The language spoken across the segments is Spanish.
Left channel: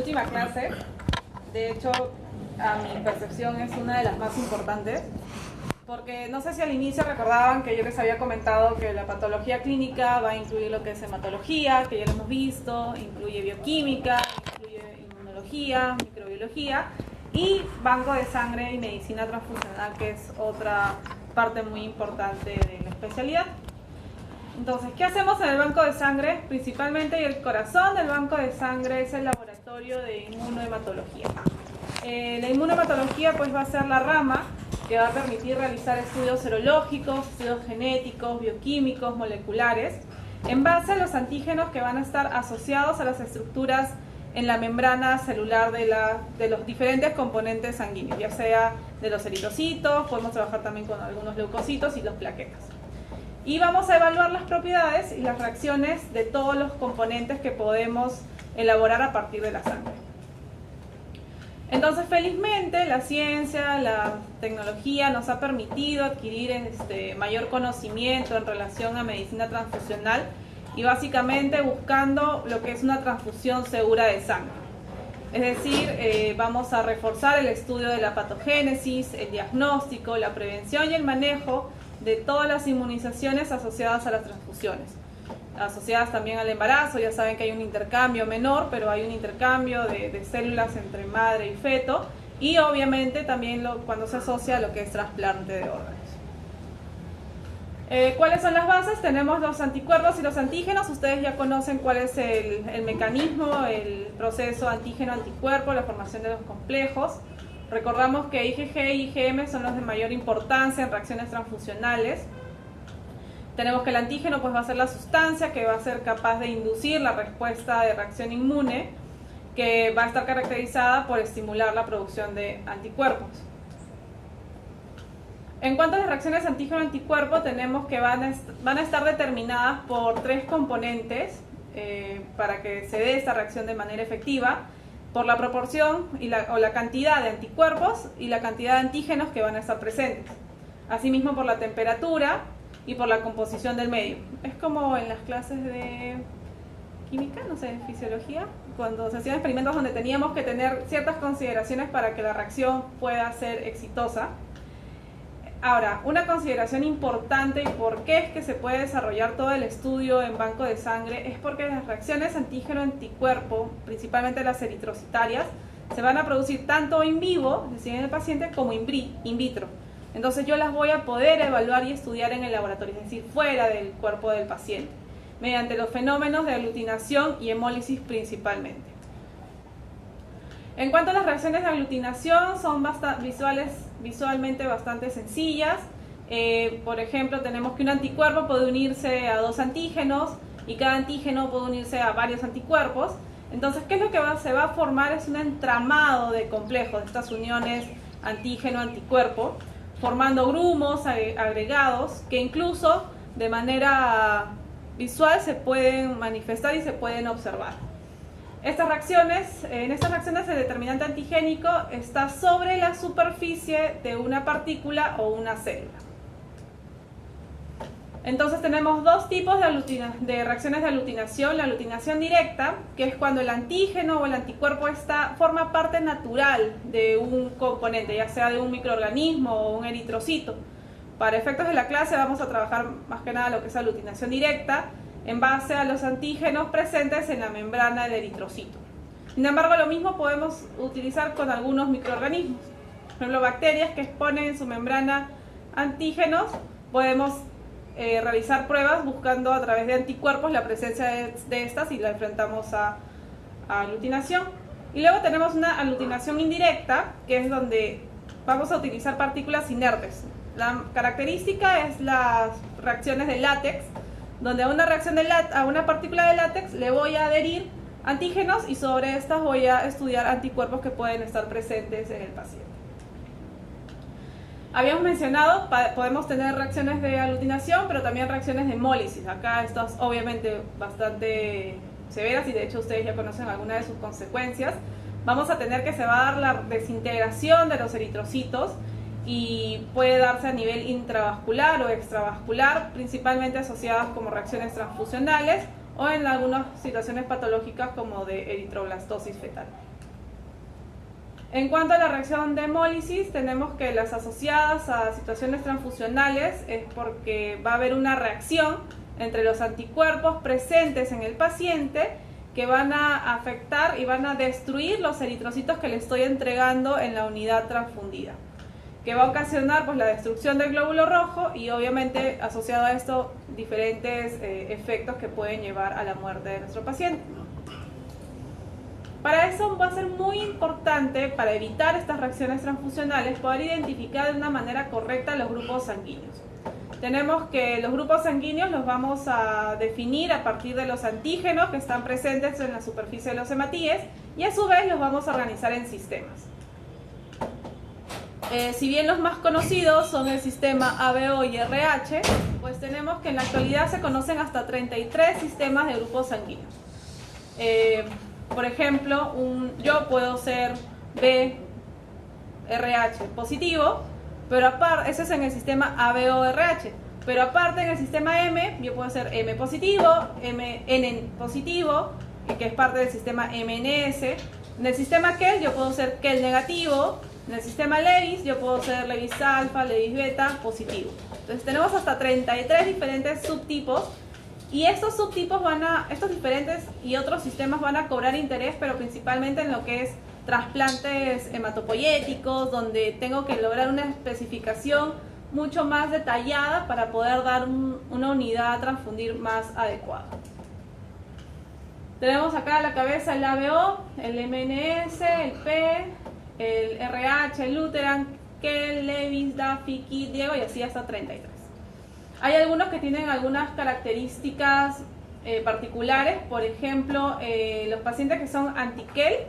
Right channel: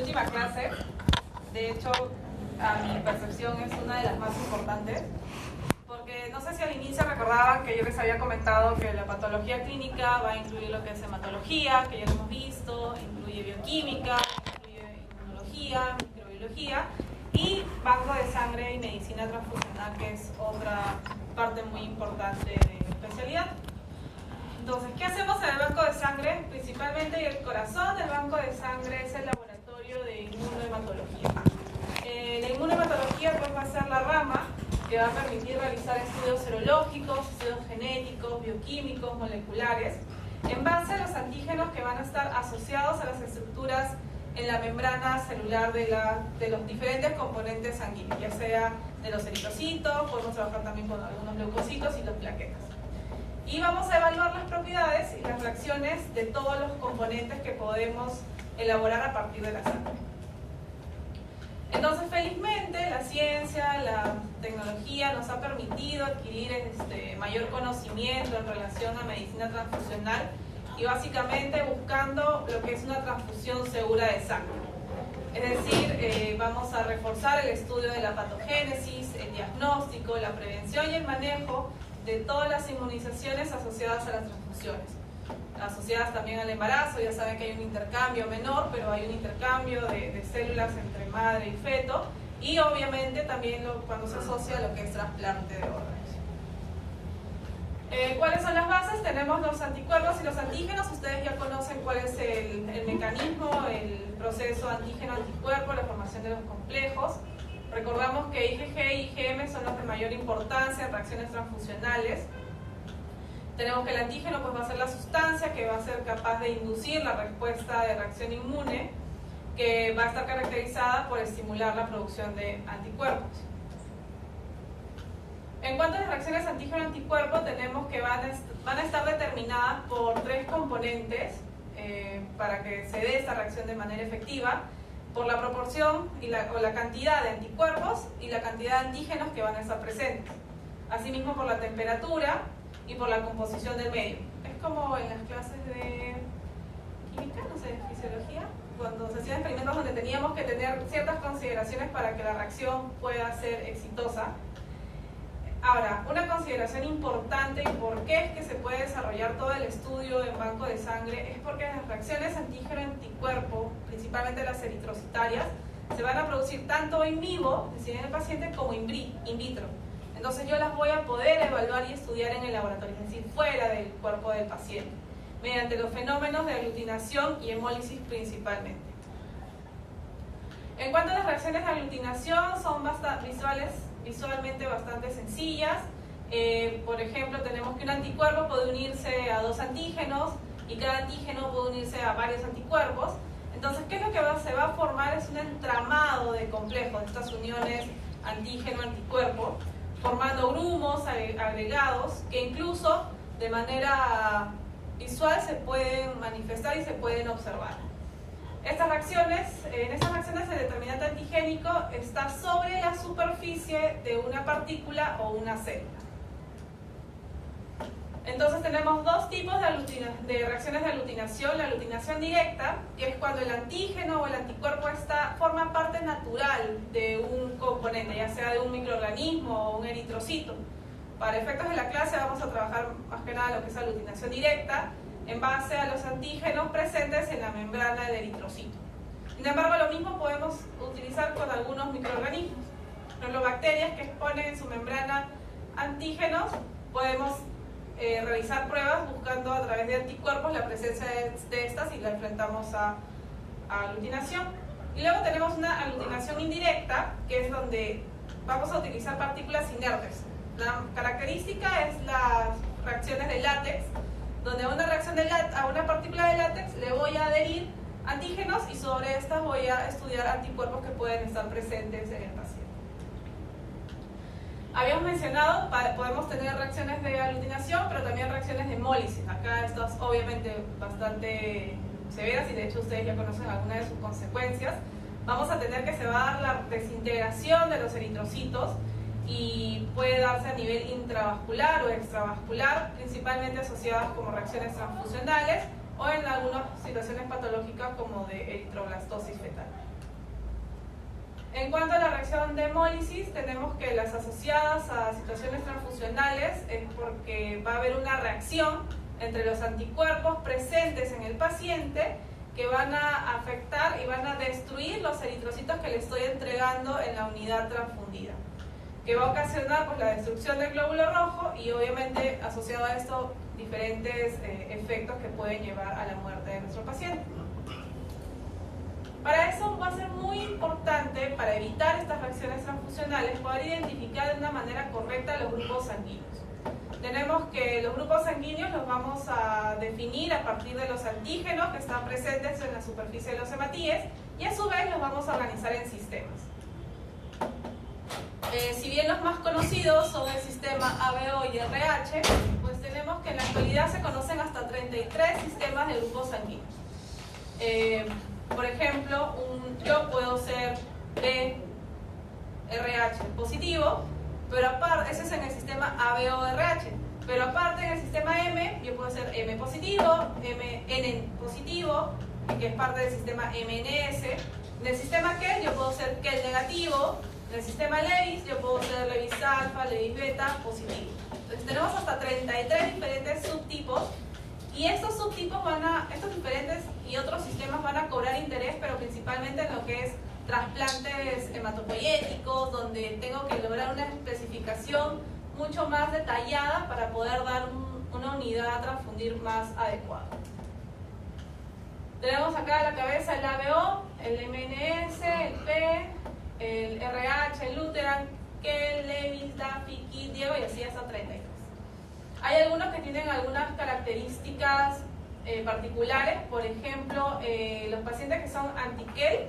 última clase. De hecho, a mi percepción es una de las más importantes, porque no sé si al inicio recordaban que yo les había comentado que la patología clínica va a incluir lo que es hematología, que ya lo hemos visto, incluye bioquímica, incluye inmunología, microbiología y banco de sangre y medicina transfusional, que es otra parte muy importante de la especialidad. Entonces, ¿qué hacemos en el banco de sangre? Principalmente el corazón del banco de sangre es el laboratorio de inmunohematología. La inmunohematología pues va a ser la rama que va a permitir realizar estudios serológicos, estudios genéticos, bioquímicos, moleculares, en base a los antígenos que van a estar asociados a las estructuras en la membrana celular de los diferentes componentes sanguíneos, ya sea de los eritrocitos, podemos trabajar también con algunos leucocitos y los plaquetas. Y vamos a evaluar las propiedades y las reacciones de todos los componentes que podemos elaborar a partir de la sangre. Entonces, felizmente, la ciencia, la tecnología nos ha permitido adquirir mayor conocimiento en relación a medicina transfusional y básicamente buscando lo que es una transfusión segura de sangre. Es decir, vamos a reforzar el estudio de la patogénesis, el diagnóstico, la prevención y el manejo de todas las inmunizaciones asociadas a las transfusiones, asociadas también al embarazo. Ya saben que hay un intercambio menor, pero hay un intercambio de células entre madre y feto, y obviamente también cuando se asocia a lo que es trasplante de órganos. ¿Cuáles son las bases? Tenemos los anticuerpos y los antígenos. Ustedes ya conocen cuál es el mecanismo, el proceso antígeno-anticuerpo, la formación de los complejos. Recordamos que IgG y IgM son los de mayor importancia en reacciones transfusionales. Tenemos que el antígeno pues va a ser la sustancia que va a ser capaz de inducir la respuesta de reacción inmune, que va a estar caracterizada por estimular la producción de anticuerpos. En cuanto a las reacciones antígeno-anticuerpo, tenemos que van a estar determinadas por tres componentes para que se dé esta reacción de manera efectiva: por la proporción o la cantidad de anticuerpos y la cantidad de antígenos que van a estar presentes. Asimismo, por la temperatura y por la composición del medio. Es como en las clases de química, no sé, fisiología, cuando se hacían experimentos donde teníamos que tener ciertas consideraciones para que la reacción pueda ser exitosa. Ahora, una consideración importante y por qué es que se puede desarrollar todo el estudio en banco de sangre es porque las reacciones antígeno-anticuerpo, principalmente las eritrocitarias, se van a producir tanto in vivo, es decir, en el paciente, como in vitro. Entonces yo las voy a poder evaluar y estudiar en el laboratorio, es decir, fuera del cuerpo del paciente, mediante los fenómenos de aglutinación y hemólisis principalmente. En cuanto a las reacciones de aglutinación, son visualmente bastante sencillas. Por ejemplo, tenemos que un anticuerpo puede unirse a dos antígenos y cada antígeno puede unirse a varios anticuerpos. Entonces, ¿qué es lo que se va a formar? Es un entramado de complejos de estas uniones antígeno-anticuerpo, formando grumos agregados que incluso de manera visual se pueden manifestar y se pueden observar. En estas reacciones el determinante antigénico está sobre la superficie de una partícula o una célula. Entonces tenemos dos tipos de reacciones de aglutinación: la aglutinación directa, que es cuando el antígeno o el anticuerpo forma parte natural de un componente, ya sea de un microorganismo o un eritrocito. Para efectos de la clase vamos a trabajar más que nada lo que es aglutinación directa, en base a los antígenos presentes en la membrana del eritrocito. Sin embargo, lo mismo podemos utilizar con algunos microorganismos. Por ejemplo, bacterias que exponen en su membrana antígenos, podemos realizar pruebas buscando a través de anticuerpos la presencia de estas y la enfrentamos a aglutinación. Y luego tenemos una aglutinación indirecta, que es donde vamos a utilizar partículas inertes. La característica es las reacciones de látex, donde a una partícula de látex le voy a adherir antígenos y sobre estas voy a estudiar anticuerpos que pueden estar presentes en el paciente. Habíamos mencionado, podemos tener reacciones de aglutinación, pero también reacciones de hemólisis. Acá estas obviamente bastante severas y de hecho ustedes ya conocen algunas de sus consecuencias. Vamos a tener que se va a dar la desintegración de los eritrocitos y puede darse a nivel intravascular o extravascular, principalmente asociadas como reacciones transfusionales o en algunas situaciones patológicas como de eritroblastosis fetal. En cuanto a la reacción de hemólisis, tenemos que las asociadas a situaciones transfusionales es porque va a haber una reacción entre los anticuerpos presentes en el paciente que van a afectar y van a destruir los eritrocitos que le estoy entregando en la unidad transfundida, que va a ocasionar pues la destrucción del glóbulo rojo y obviamente asociado a esto diferentes efectos que pueden llevar a la muerte de nuestro paciente. Para eso va a ser muy importante, para evitar estas reacciones transfusionales, poder identificar de una manera correcta los grupos sanguíneos. Tenemos que los grupos sanguíneos los vamos a definir a partir de los antígenos que están presentes en la superficie de los hematíes y a su vez los vamos a organizar en sistemas. Si bien los más conocidos son el sistema ABO y RH, pues tenemos que en la actualidad se conocen hasta 33 sistemas de grupos sanguíneos. Por ejemplo, yo puedo ser BRH positivo, pero aparte, ese es en el sistema ABO-RH, pero aparte en el sistema M, yo puedo ser M positivo, MN positivo, que es parte del sistema MNS. En el sistema KEL yo puedo ser KEL negativo, en el sistema Lewis yo puedo ser Lewis alfa, Lewis beta positivo. Entonces tenemos hasta 33 diferentes subtipos. Y estos subtipos estos diferentes y otros sistemas van a cobrar interés, pero principalmente en lo que es trasplantes hematopoyéticos, donde tengo que lograr una especificación mucho más detallada para poder dar una unidad a transfundir más adecuada. Tenemos acá a la cabeza el ABO, el MNS, el P, el RH, el Luteran, KEL, Lewis, Duffy, Kidd, Diego y así hasta 33. Hay algunos que tienen algunas características particulares, por ejemplo, los pacientes que son anti-KEL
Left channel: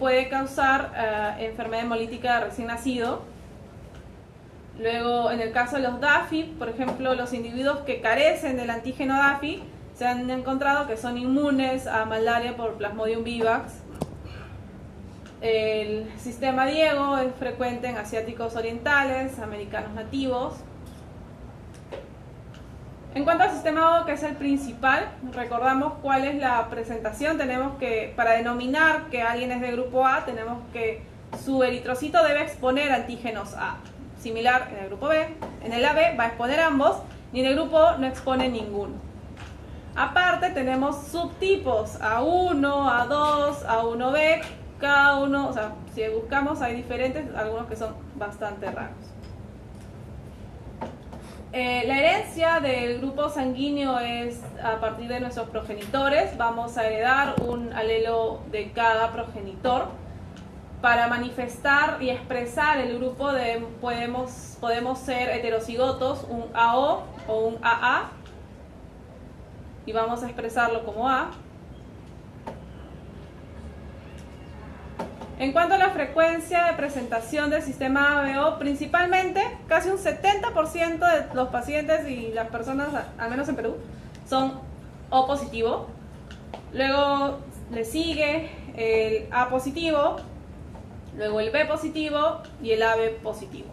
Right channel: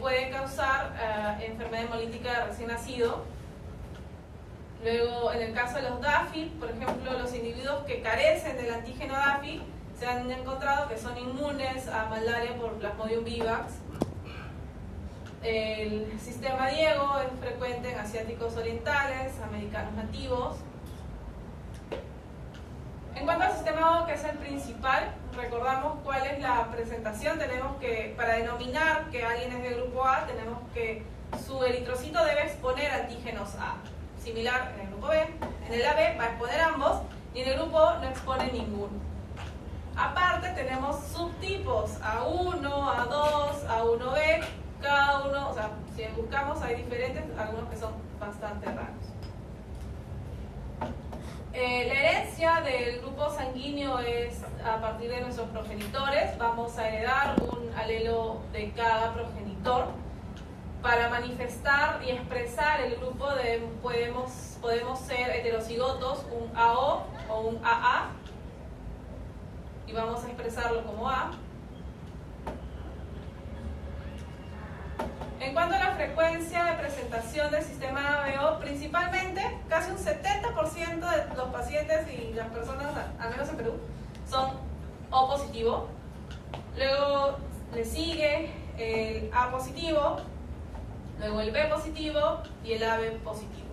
puede causar enfermedad hemolítica de recién nacido. Luego, en el caso de los Duffy, por ejemplo, los individuos que carecen del antígeno Duffy se han encontrado que son inmunes a malaria por Plasmodium vivax. El sistema Diego es frecuente en asiáticos orientales, americanos nativos. En cuanto al sistema O, que es el principal, recordamos cuál es la presentación. Tenemos que, para denominar que alguien es de grupo A, tenemos que su eritrocito debe exponer antígenos A. Similar en el grupo B. En el AB va a exponer ambos y en el grupo O no expone ninguno. Aparte tenemos subtipos A1, A2, A1B, cada uno, o sea, si buscamos hay diferentes, algunos que son bastante raros. La herencia del grupo sanguíneo es a partir de nuestros progenitores. Vamos a heredar un alelo de cada progenitor. Para manifestar y expresar el grupo podemos ser heterocigotos, un AO o un AA, y vamos a expresarlo como A. En cuanto a la frecuencia de presentación del sistema ABO, principalmente casi un 70% de los pacientes y las personas, al menos en Perú, son O positivo. Luego le sigue el A positivo, luego el B positivo y el AB positivo.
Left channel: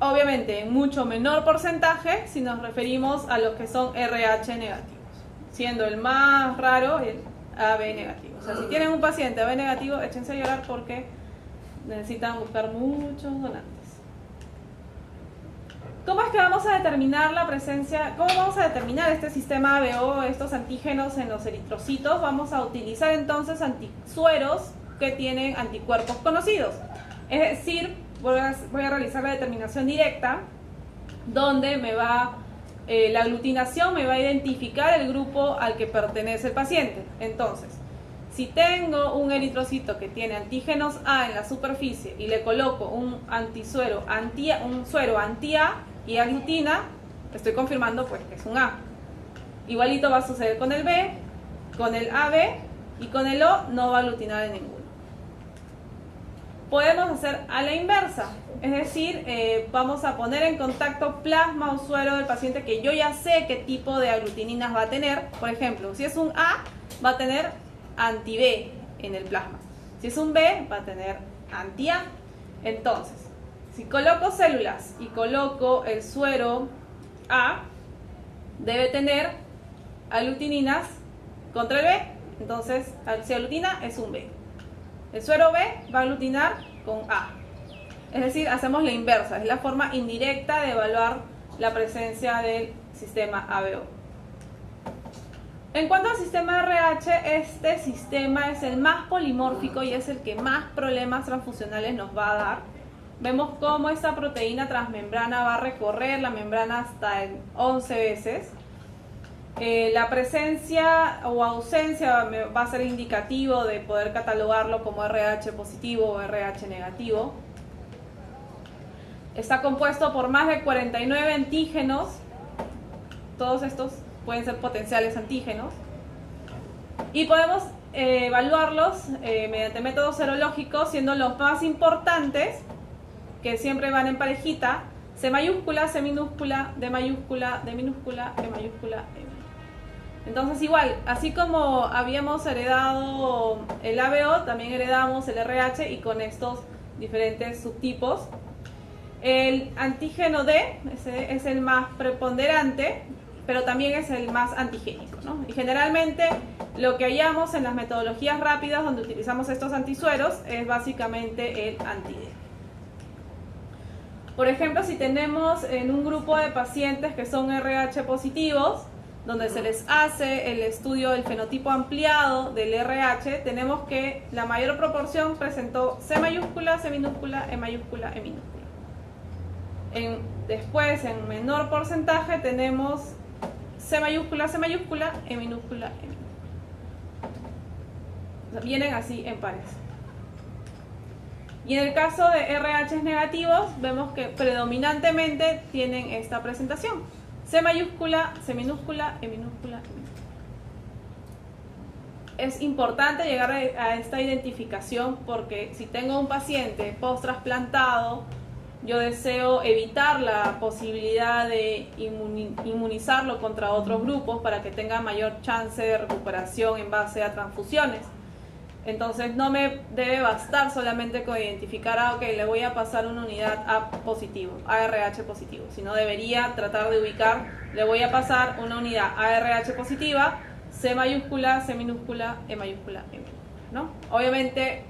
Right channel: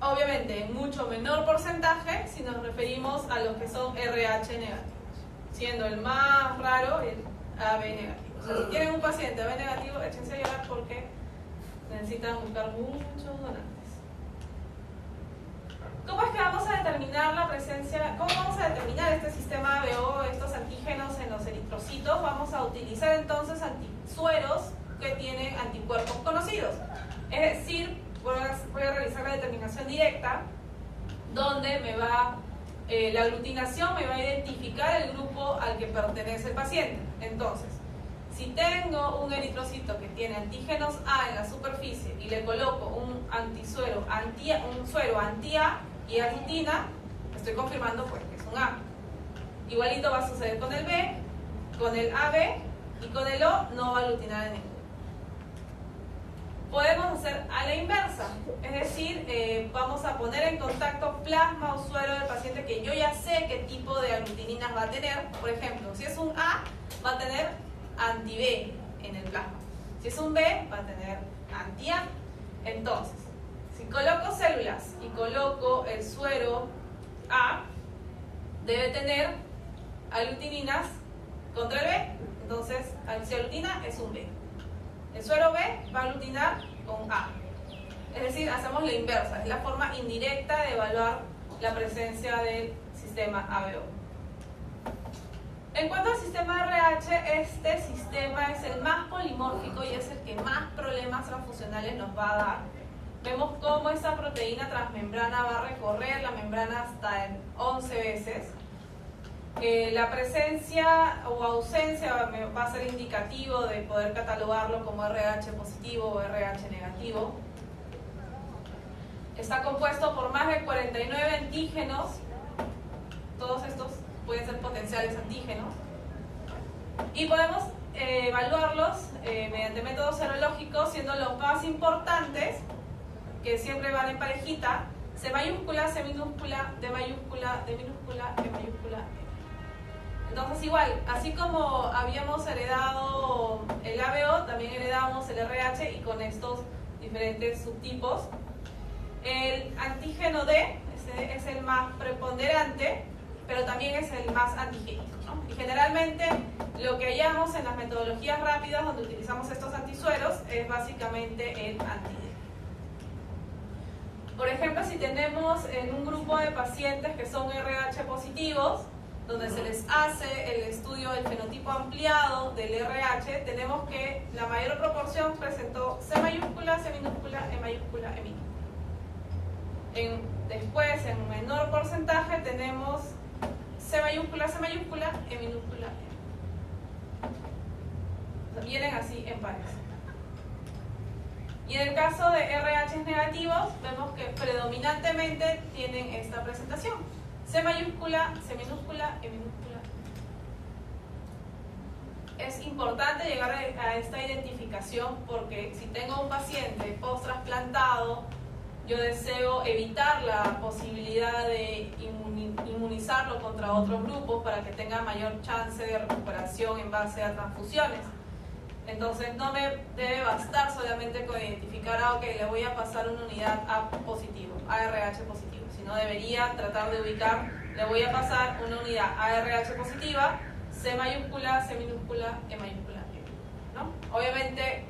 Obviamente en mucho menor porcentaje si nos referimos a los que son RH negativos, siendo el más raro el AB negativo. O sea, si tienen un paciente AB negativo, échense a llorar porque necesitan buscar muchos donantes. ¿Cómo es que vamos a determinar la presencia? ¿Cómo vamos a determinar este sistema ABO, estos antígenos en los eritrocitos? Vamos a utilizar entonces antisueros que tienen anticuerpos conocidos. Es decir, voy a realizar la determinación directa, donde la aglutinación me va a identificar el grupo al que pertenece el paciente. Entonces, si tengo un eritrocito que tiene antígenos A en la superficie y le coloco un suero anti-A y aglutina, estoy confirmando pues que es un A. Igualito va a suceder con el B, con el AB y con el O no va a aglutinar en ninguno. Podemos hacer a la inversa, es decir, vamos a poner en contacto plasma o suero del paciente que yo ya sé qué tipo de aglutininas va a tener. Por ejemplo, si es un A, va a tener anti-B en el plasma. Si es un B, va a tener anti-A. Entonces, si coloco células y coloco el suero A, debe tener aglutininas contra el B. Entonces, si aglutina, es un B. El suero B va a aglutinar con A. Es decir, hacemos la inversa, es la forma indirecta de evaluar la presencia del sistema ABO. En cuanto al sistema RH, este sistema es el más polimórfico y es el que más problemas transfusionales nos va a dar. Vemos cómo esta proteína transmembrana va a recorrer la membrana hasta en 11 veces. La presencia o ausencia va a ser indicativo de poder catalogarlo como RH positivo o RH negativo. Está compuesto por más de 49 antígenos. Todos estos pueden ser potenciales antígenos. Y podemos evaluarlos mediante métodos serológicos, siendo los más importantes, que siempre van en parejita, C mayúscula, C minúscula, D mayúscula, D minúscula, E mayúscula, E. Entonces igual, así como habíamos heredado el ABO, también heredamos el RH y con estos diferentes subtipos. El antígeno D es el más preponderante, pero también es el más antigénico, ¿no? Y generalmente lo que hallamos en las metodologías rápidas donde utilizamos estos antisueros es básicamente el anti-D. Por ejemplo, si tenemos en un grupo de pacientes que son RH positivos, donde se les hace el estudio del fenotipo ampliado del RH, tenemos que la mayor proporción presentó C mayúscula, C minúscula, E mayúscula, E minúscula. Después, en menor porcentaje, tenemos C mayúscula, E minúscula, E minúscula. Vienen así en pares. Y en el caso de RH negativos, vemos que predominantemente tienen esta presentación. C mayúscula, C minúscula, E minúscula. Es importante llegar a esta identificación porque si tengo un paciente post-trasplantado, yo deseo evitar la posibilidad de inmunizarlo contra otros grupos para que tenga mayor chance de recuperación en base a transfusiones. Entonces no me debe bastar solamente con identificar, le voy a pasar una unidad A positivo, ARH positivo, sino debería tratar de ubicar, le voy a pasar una unidad ARH positiva, C mayúscula, C minúscula, E mayúscula, E minúscula, ¿no? Obviamente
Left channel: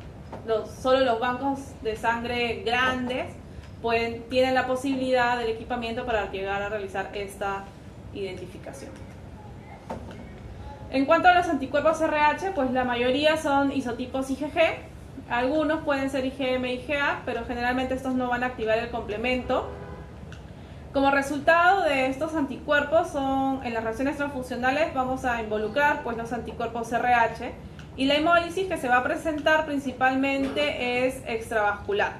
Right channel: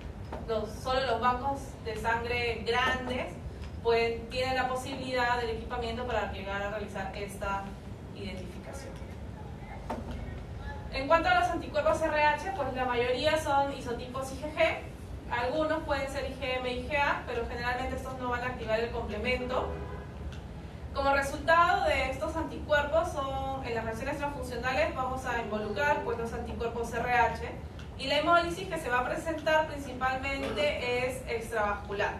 solo los bancos de sangre grandes tienen la posibilidad del equipamiento para llegar a realizar esta identificación. En cuanto a los anticuerpos RH, pues la mayoría son isotipos IgG, algunos pueden ser IgM e IgA, pero generalmente estos no van a activar el complemento. Como resultado de estos anticuerpos, en las reacciones transfusionales vamos a involucrar pues, los anticuerpos RH y la hemólisis que se va a presentar principalmente es extravascular.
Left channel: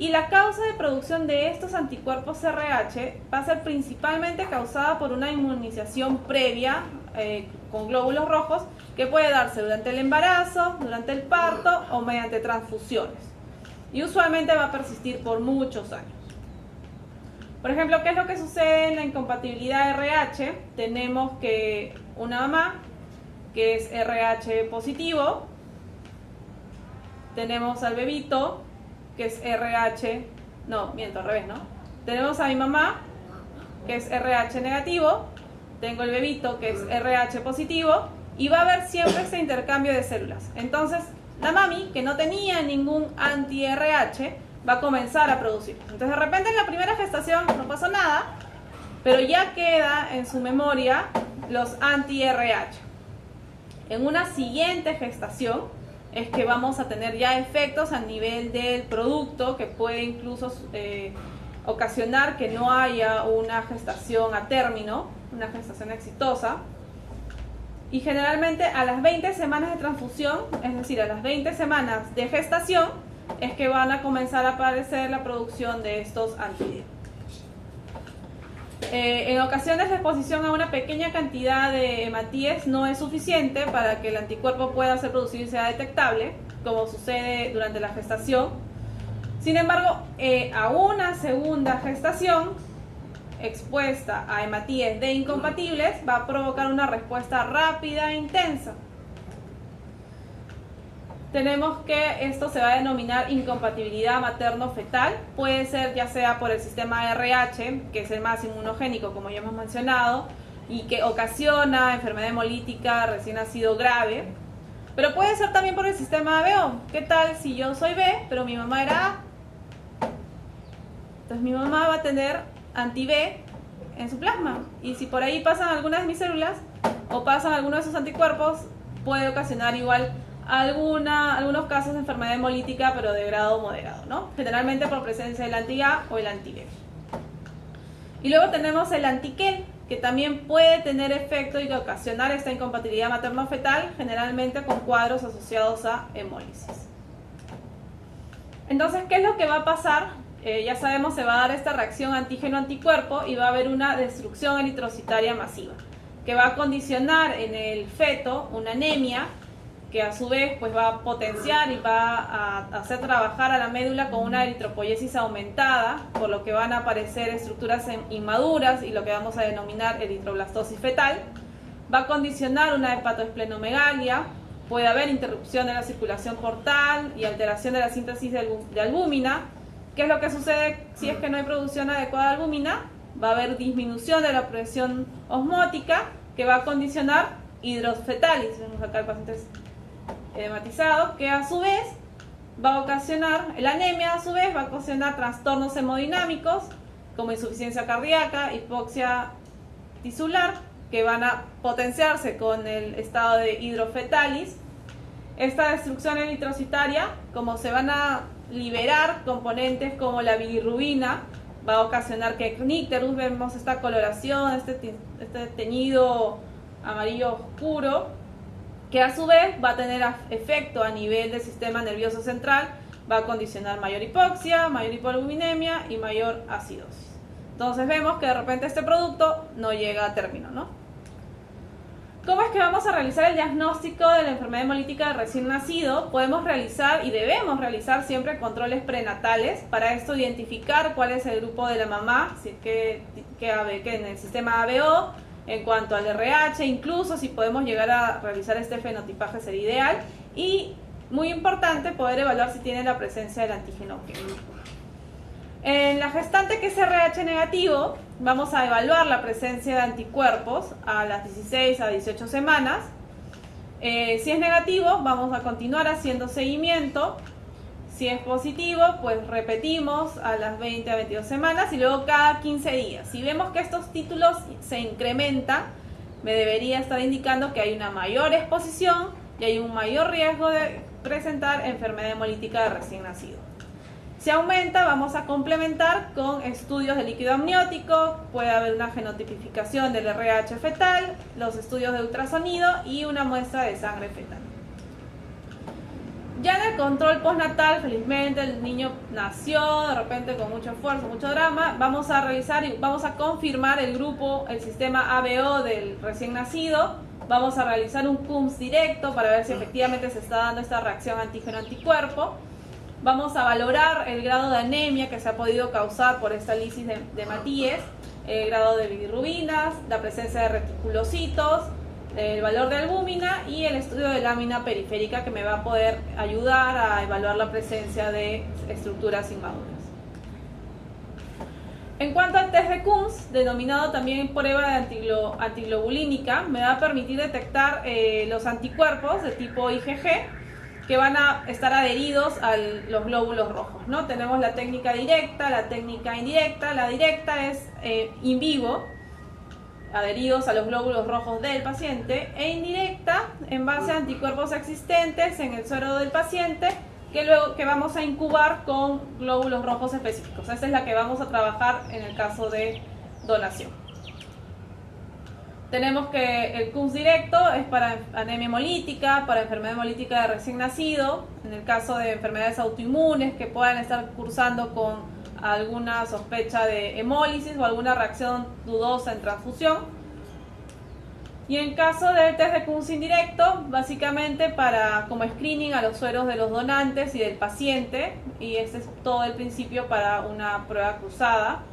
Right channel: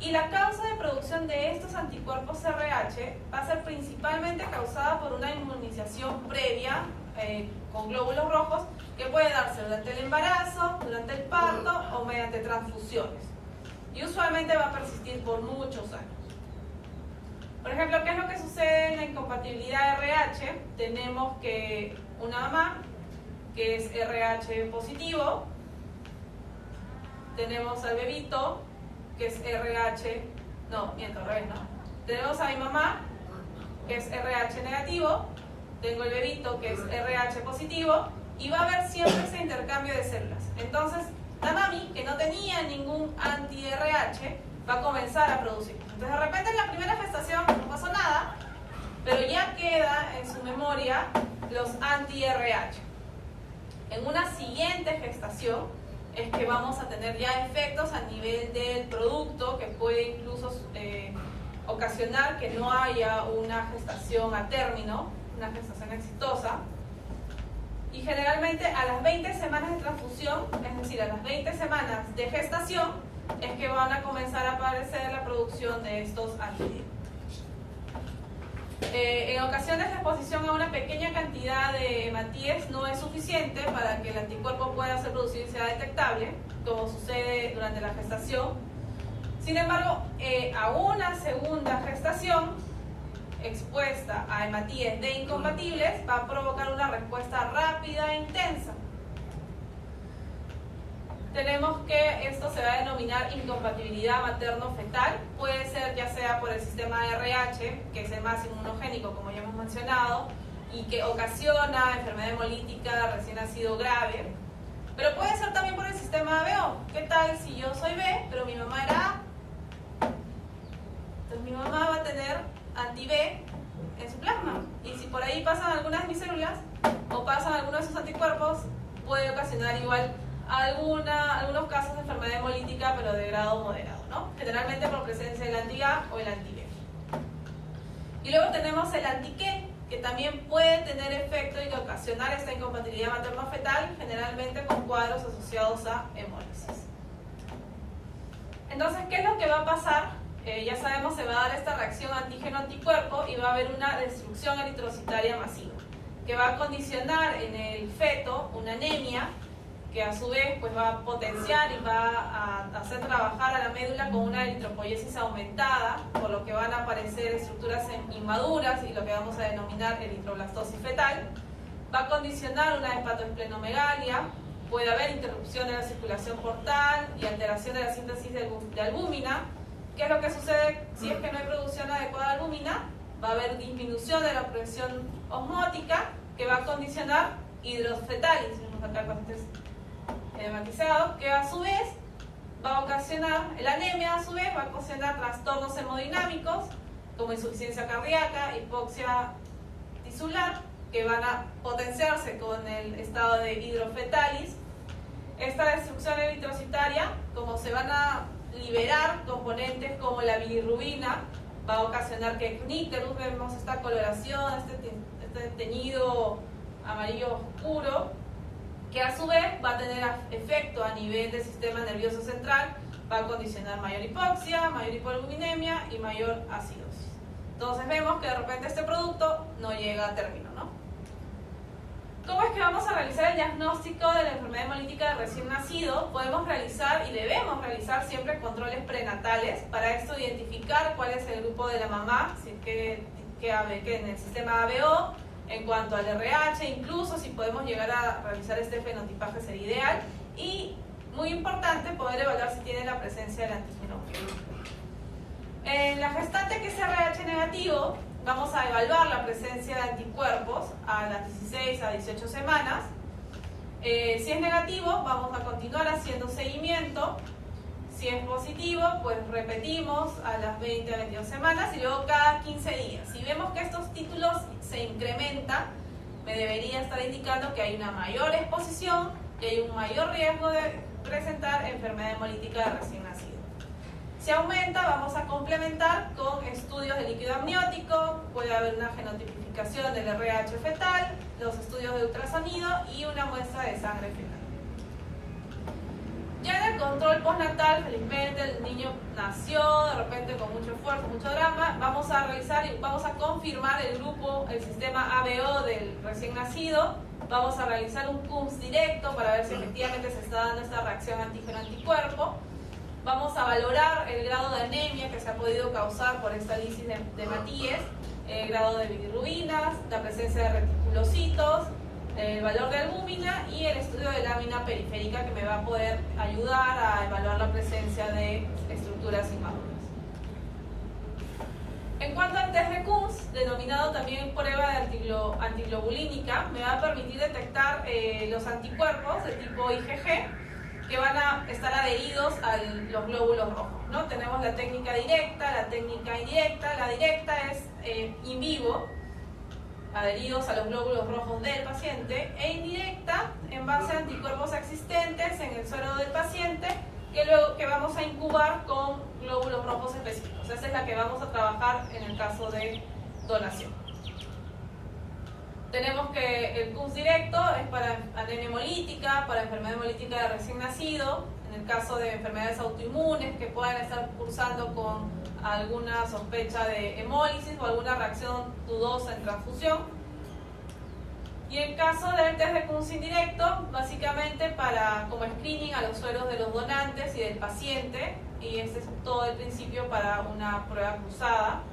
Y la causa de producción de estos anticuerpos RH va a ser principalmente causada por una inmunización previa con glóbulos rojos que puede darse durante el embarazo, durante el parto o mediante transfusiones. Y usualmente va a persistir por muchos años. Por ejemplo, ¿qué es lo que sucede en la incompatibilidad RH? Tenemos que una mamá que es RH positivo, tenemos al bebito que es RH, no, miento, al revés, ¿no? Tenemos a mi mamá que es RH negativo, tengo el bebito que es RH positivo y va a haber siempre ese intercambio de células. Entonces, la mami que no tenía ningún anti-RH va a comenzar a producir. Entonces, de repente en la primera gestación no pasó nada, pero ya queda en su memoria los anti-RH. En una siguiente gestación es que vamos a tener ya efectos a nivel del producto que puede incluso ocasionar que no haya una gestación a término, una gestación exitosa. Y generalmente a las 20 semanas de transfusión, es decir, a las 20 semanas de gestación, es que van a comenzar a aparecer la producción de estos antígenos. En ocasiones la exposición a una pequeña cantidad de hematíes no es suficiente para que el anticuerpo pueda ser producido y sea detectable, como sucede durante la gestación. Sin embargo, a una segunda gestación expuesta a hematíes de incompatibles va a provocar una respuesta rápida e intensa. Tenemos que esto se va a denominar incompatibilidad materno-fetal, puede ser ya sea por el sistema RH, que es el más inmunogénico como ya hemos mencionado, y que ocasiona enfermedad hemolítica recién nacido grave, pero puede ser también por el sistema ABO, wow, ¿qué tal si yo soy B, pero mi mamá era A? Entonces mi mamá va a tener anti-B en su plasma. Y si por ahí pasan algunas de mis células o pasan algunos de esos anticuerpos, puede ocasionar igual algunos casos de enfermedad hemolítica, pero de grado moderado, ¿no? Generalmente por presencia del anti-A o el anti-B. Y luego tenemos el anti-Kel, que también puede tener efecto y ocasionar esta incompatibilidad materno-fetal, generalmente con cuadros asociados a hemólisis. Entonces, ¿qué es lo que va a pasar? Ya sabemos, se va a dar esta reacción antígeno-anticuerpo y va a haber una destrucción eritrocitaria masiva, que va a condicionar en el feto una anemia, que a su vez pues va a potenciar y va a hacer trabajar a la médula con una eritropoiesis aumentada, por lo que van a aparecer estructuras inmaduras y lo que vamos a denominar eritroblastosis fetal. Va a condicionar una hepatoesplenomegalia, puede haber interrupción de la circulación portal y alteración de la síntesis de albúmina. ¿Qué es lo que sucede si es que no hay producción adecuada de albúmina? Va a haber disminución de la presión osmótica, que va a condicionar hidrosfetalis. Vemos acá el paciente edematizado, que a su vez va a ocasionar, la anemia a su vez va a ocasionar trastornos hemodinámicos como insuficiencia cardíaca, hipoxia tisular, que van a potenciarse con el estado de hidrofetalis. Esta destrucción eritrocitaria, como se van a liberar componentes como la bilirrubina, va a ocasionar que icterus, vemos esta coloración, este teñido amarillo oscuro, que a su vez va a tener efecto a nivel del sistema nervioso central, va a condicionar mayor hipoxia, mayor hipoalbuminemia y mayor acidosis. Entonces vemos que de repente este producto no llega a término, ¿no? ¿Cómo es que vamos a realizar el diagnóstico de la enfermedad hemolítica de recién nacido? Podemos realizar y debemos realizar siempre controles prenatales. Para esto identificar cuál es el grupo de la mamá, si es que en el sistema ABO, en cuanto al RH, incluso si podemos llegar a realizar este fenotipaje sería ideal. Y muy importante poder evaluar si tiene la presencia del antígeno. En la gestante que es RH negativo, vamos a evaluar la presencia de anticuerpos a las 16 a 18 semanas. Si es negativo, vamos a continuar haciendo seguimiento. Si es positivo, pues repetimos a las 20 a 22 semanas y luego cada 15 días. Si vemos que estos títulos se incrementan, me debería estar indicando que hay una mayor exposición y hay un mayor riesgo de presentar enfermedad hemolítica de recién nacido. Si aumenta, vamos a complementar con estudios de líquido amniótico, puede haber una genotipificación del RH fetal, los estudios de ultrasonido y una muestra de sangre fetal. Ya en el control postnatal, felizmente el niño nació de repente con mucho esfuerzo, mucho drama, vamos a revisar y vamos a confirmar el grupo, el sistema ABO del recién nacido, vamos a realizar un CUMS directo para ver si efectivamente se está dando esta reacción antígeno-anticuerpo. Vamos a valorar el grado de anemia que se ha podido causar por esta lisis de Matías, el grado de bilirrubinas, la presencia de reticulocitos, el valor de albúmina y el estudio de lámina periférica que me va a poder ayudar a evaluar la presencia de estructuras inmaduras. En cuanto al test de CUMS, denominado también prueba de antiglobulínica, me va a permitir detectar los anticuerpos de tipo IgG, que van a estar adheridos a los glóbulos rojos, ¿no? Tenemos la técnica directa, la técnica indirecta. La directa es in vivo, adheridos a los glóbulos rojos del paciente, e indirecta en base a anticuerpos existentes en el suero del paciente, que vamos a incubar con glóbulos rojos específicos. Esta es la que vamos a trabajar en el caso de donación. Tenemos que el CUMS directo es para anemia hemolítica, para enfermedad hemolítica de recién nacido, en el caso de enfermedades autoinmunes que puedan estar cursando con alguna sospecha de hemólisis o alguna reacción dudosa en transfusión. Y en caso del test de CUMS indirecto, básicamente como screening a los sueros de los donantes y del paciente, y este es todo el principio para una prueba cruzada.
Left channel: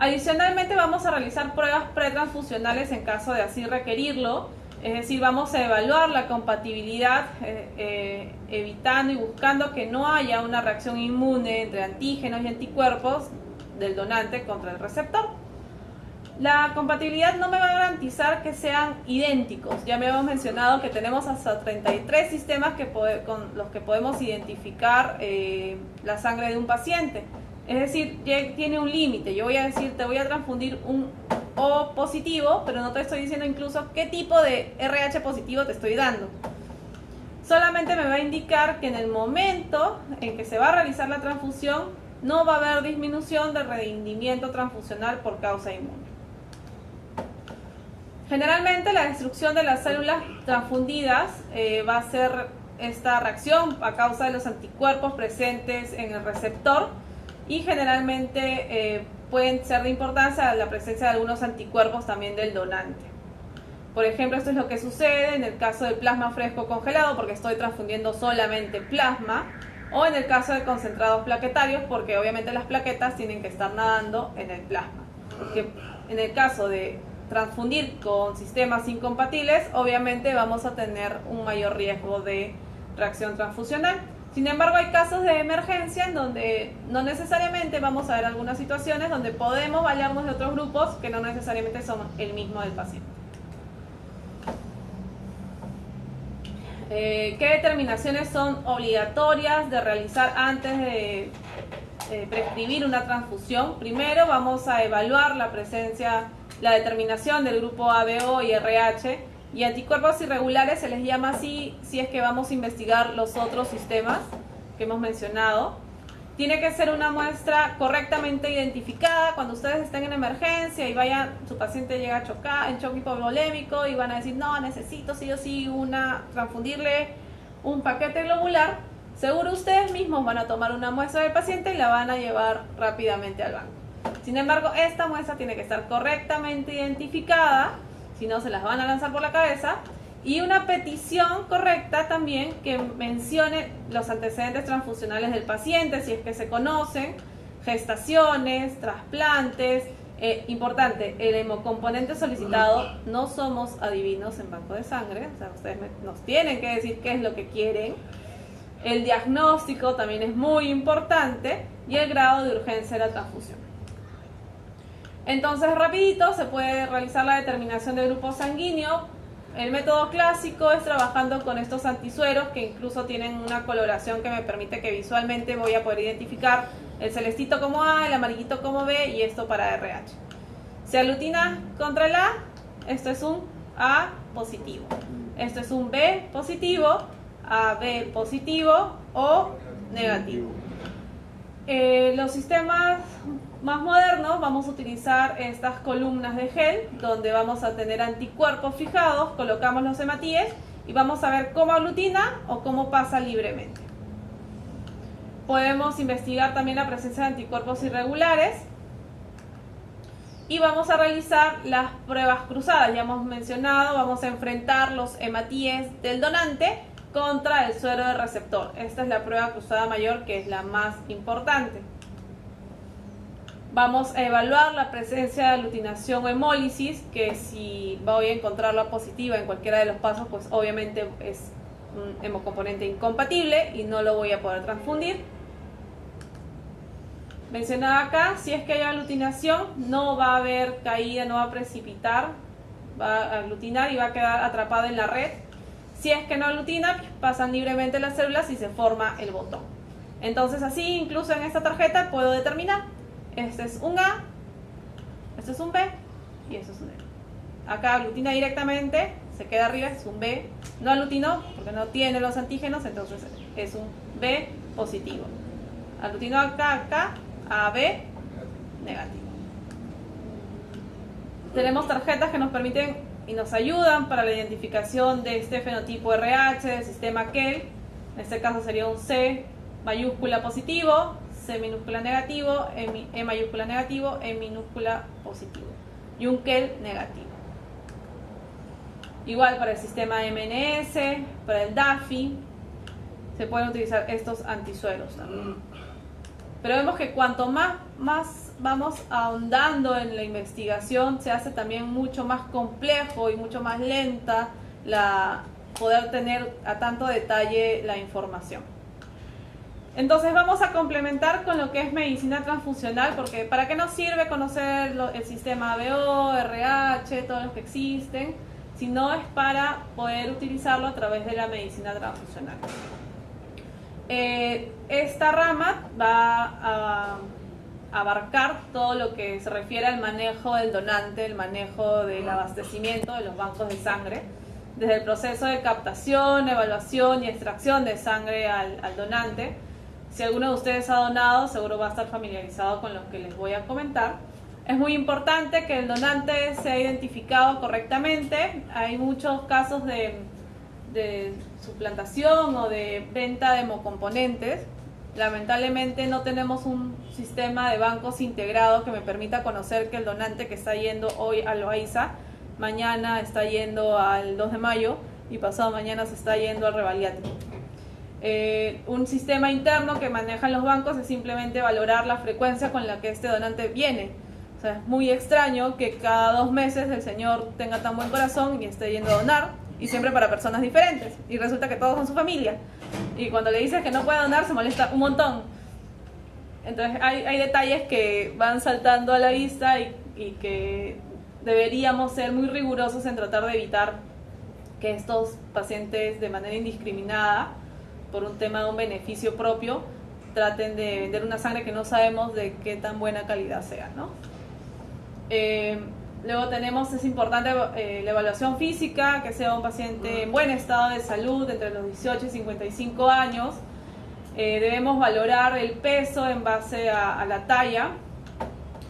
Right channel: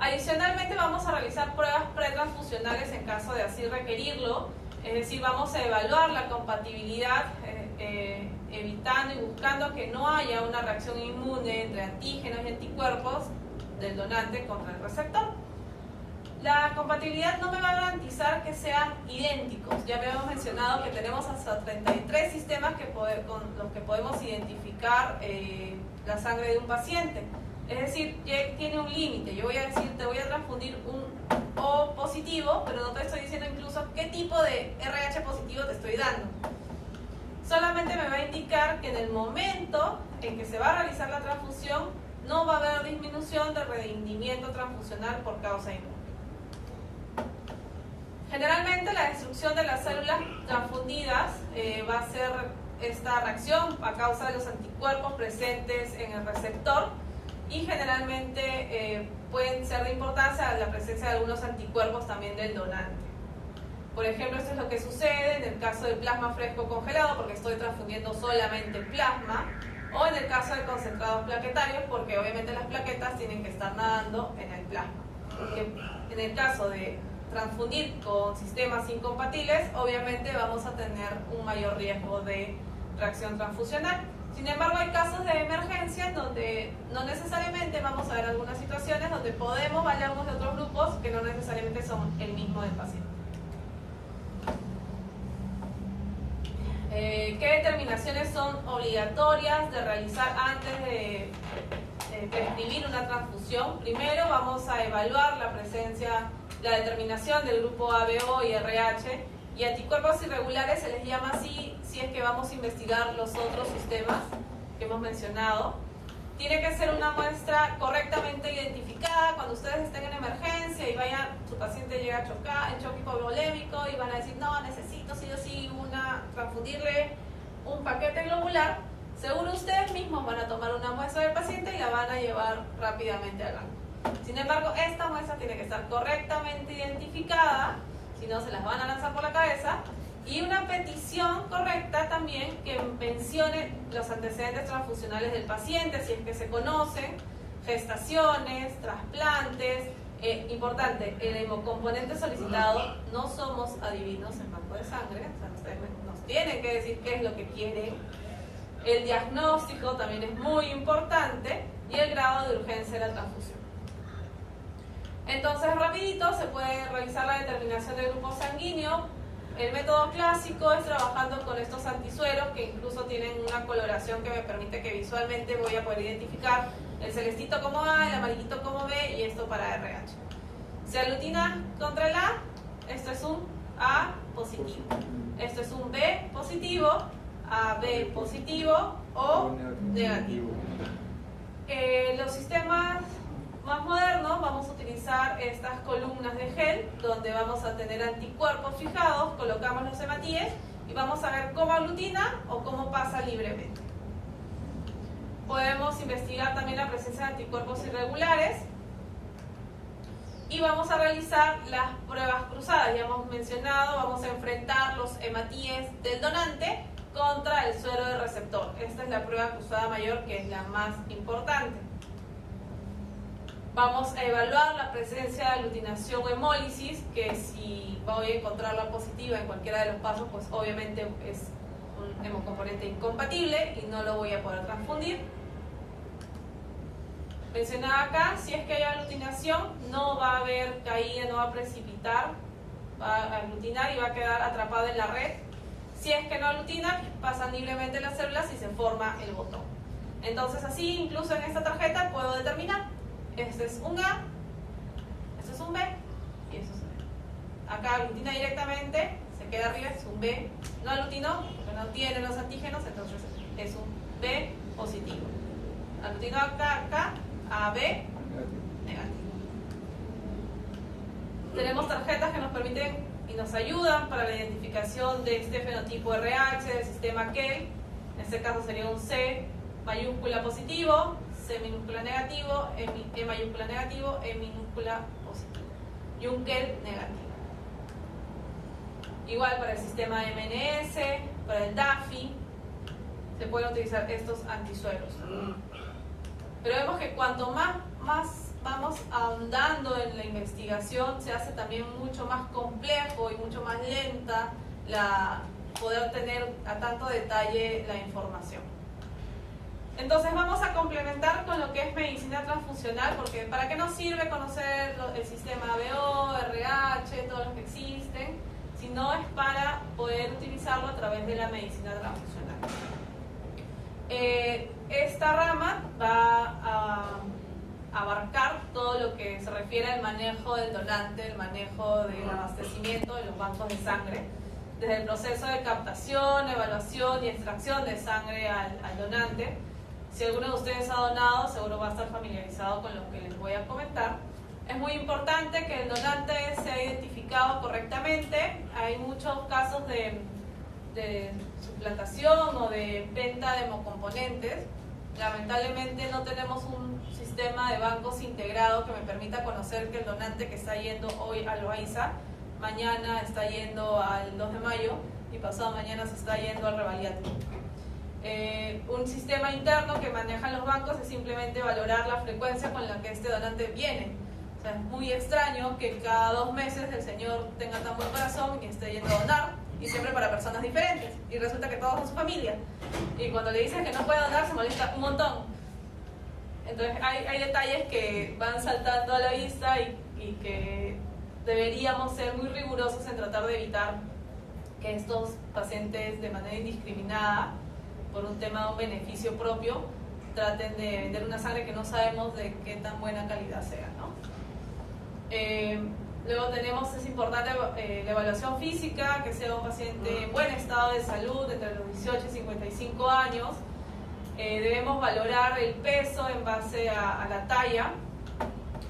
Adicionalmente vamos a realizar pruebas pretransfusionales en caso de así requerirlo, es decir, vamos a evaluar la compatibilidad evitando y buscando que no haya una reacción inmune entre antígenos y anticuerpos del donante contra el receptor. La compatibilidad no me va a garantizar que sean idénticos. Ya me habíamos mencionado que tenemos hasta 33 sistemas con los que podemos identificar la sangre de un paciente. Es decir, tiene un límite. Yo voy a decir, te voy a transfundir un O positivo, pero no te estoy diciendo incluso qué tipo de RH positivo te estoy dando. Solamente me va a indicar que en el momento en que se va a realizar la transfusión, no va a haber disminución de rendimiento transfusional por causa inmune. Generalmente la destrucción de las células transfundidas va a ser esta reacción a causa de los anticuerpos presentes en el receptor y generalmente pueden ser de importancia la presencia de algunos anticuerpos también del donante. Por ejemplo, esto es lo que sucede en el caso del plasma fresco congelado porque estoy transfundiendo solamente plasma, o en el caso de concentrados plaquetarios porque obviamente las plaquetas tienen que estar nadando en el plasma. Porque en el caso de transfundir con sistemas incompatibles, obviamente vamos a tener un mayor riesgo de reacción transfusional. Sin embargo, hay casos de emergencia en donde no necesariamente vamos a ver algunas situaciones donde podemos valernos de otros grupos que no necesariamente son el mismo del paciente. ¿Qué determinaciones son obligatorias de realizar antes de prescribir una transfusión? Primero vamos a evaluar la determinación del grupo ABO y RH, y anticuerpos irregulares se les llama así si es que vamos a investigar los otros sistemas que hemos mencionado. Tiene que ser una muestra correctamente identificada. Cuando ustedes estén en emergencia y su paciente llega a chocar, en shock hipovolémico, y van a decir, no, necesito sí o sí transfundirle un paquete globular, seguro ustedes mismos van a tomar una muestra del paciente y la van a llevar rápidamente al banco. Sin embargo, esta muestra tiene que estar correctamente identificada, si no se las van a lanzar por la cabeza, y una petición correcta también que mencione los antecedentes transfusionales del paciente, si es que se conocen, gestaciones, trasplantes. Importante, el hemocomponente solicitado, no somos adivinos en banco de sangre, o sea, ustedes nos tienen que decir qué es lo que quieren. El diagnóstico también es muy importante y el grado de urgencia de la transfusión. Entonces, rapidito, se puede realizar la determinación de grupo sanguíneo. El método clásico es trabajando con estos antisueros que incluso tienen una coloración que me permite que visualmente voy a poder identificar el celestito como A, el amarillito como B y esto para RH. Se aglutina contra el A, esto es un A positivo. Esto es un B positivo, AB positivo o negativo. Los sistemas más modernos vamos a utilizar estas columnas de gel donde vamos a tener anticuerpos fijados, colocamos los hematíes y vamos a ver cómo aglutina o cómo pasa libremente. Podemos investigar también la presencia de anticuerpos irregulares y vamos a realizar las pruebas cruzadas. Ya hemos mencionado, vamos a enfrentar los hematíes del donante contra el suero del receptor. Esta es la prueba cruzada mayor, que es la más importante. Vamos a evaluar la presencia de aglutinación o hemólisis, que si voy a encontrarla positiva en cualquiera de los pasos, pues obviamente es un hemocomponente incompatible y no lo voy a poder transfundir. Mencionaba acá, si es que hay aglutinación, no va a haber caída, no va a precipitar, va a aglutinar y va a quedar atrapado en la red. Si es que no aglutina, pasan libremente las células y se forma el botón. Entonces así, incluso en esta tarjeta, puedo determinar, este es un A, este es un B y este es un E. Acá aglutina directamente, se queda arriba, es un B. No aglutinó porque no tiene los antígenos, entonces es un B positivo. Aglutinó acá, AB negativo. Tenemos tarjetas que nos permiten y nos ayudan para la identificación de este fenotipo RH del sistema KEL. En este caso sería un C mayúscula positivo, C minúscula negativo, E mayúscula negativo, E minúscula positivo y un KEL negativo. Igual para el sistema MNS, para el DAFI, se pueden utilizar estos antisueros también. Pero vemos que cuanto más vamos ahondando en la investigación, se hace también mucho más complejo y mucho más lenta poder tener a tanto detalle la información. Entonces vamos a complementar con lo que es medicina transfusional, porque ¿para qué nos sirve conocer el sistema ABO, RH, todos los que existen? Si no es para poder utilizarlo a través de la medicina transfusional. Esta rama va a abarcar todo lo que se refiere al manejo del donante, el manejo del abastecimiento de los bancos de sangre, desde el proceso de captación, evaluación y extracción de sangre al donante. Si alguno de ustedes ha donado, seguro va a estar familiarizado con lo que les voy a comentar. Es muy importante que el donante sea identificado correctamente. Hay muchos casos de suplantación o de venta de hemocomponentes. Lamentablemente no tenemos un sistema de bancos integrado que me permita conocer que el donante que está yendo hoy a Loaiza, mañana está yendo al 2 de mayo y pasado mañana se está yendo al Revaliati. Un sistema interno que manejan los bancos es simplemente valorar la frecuencia con la que este donante viene. O sea, es muy extraño que cada 2 meses el señor tenga tan buen corazón y esté yendo a donar, y siempre para personas diferentes, y resulta que todos son su familia, y cuando le dices que no puede donar se molesta un montón. Entonces hay detalles que van saltando a la vista y que deberíamos ser muy rigurosos en tratar de evitar que estos pacientes de manera indiscriminada, por un tema de un beneficio propio, traten de vender una sangre que no sabemos de qué tan buena calidad sea, ¿no? Luego tenemos, es importante la evaluación física, que sea un paciente en buen estado de salud, entre los 18 y 55 años. Debemos valorar el peso en base a la talla.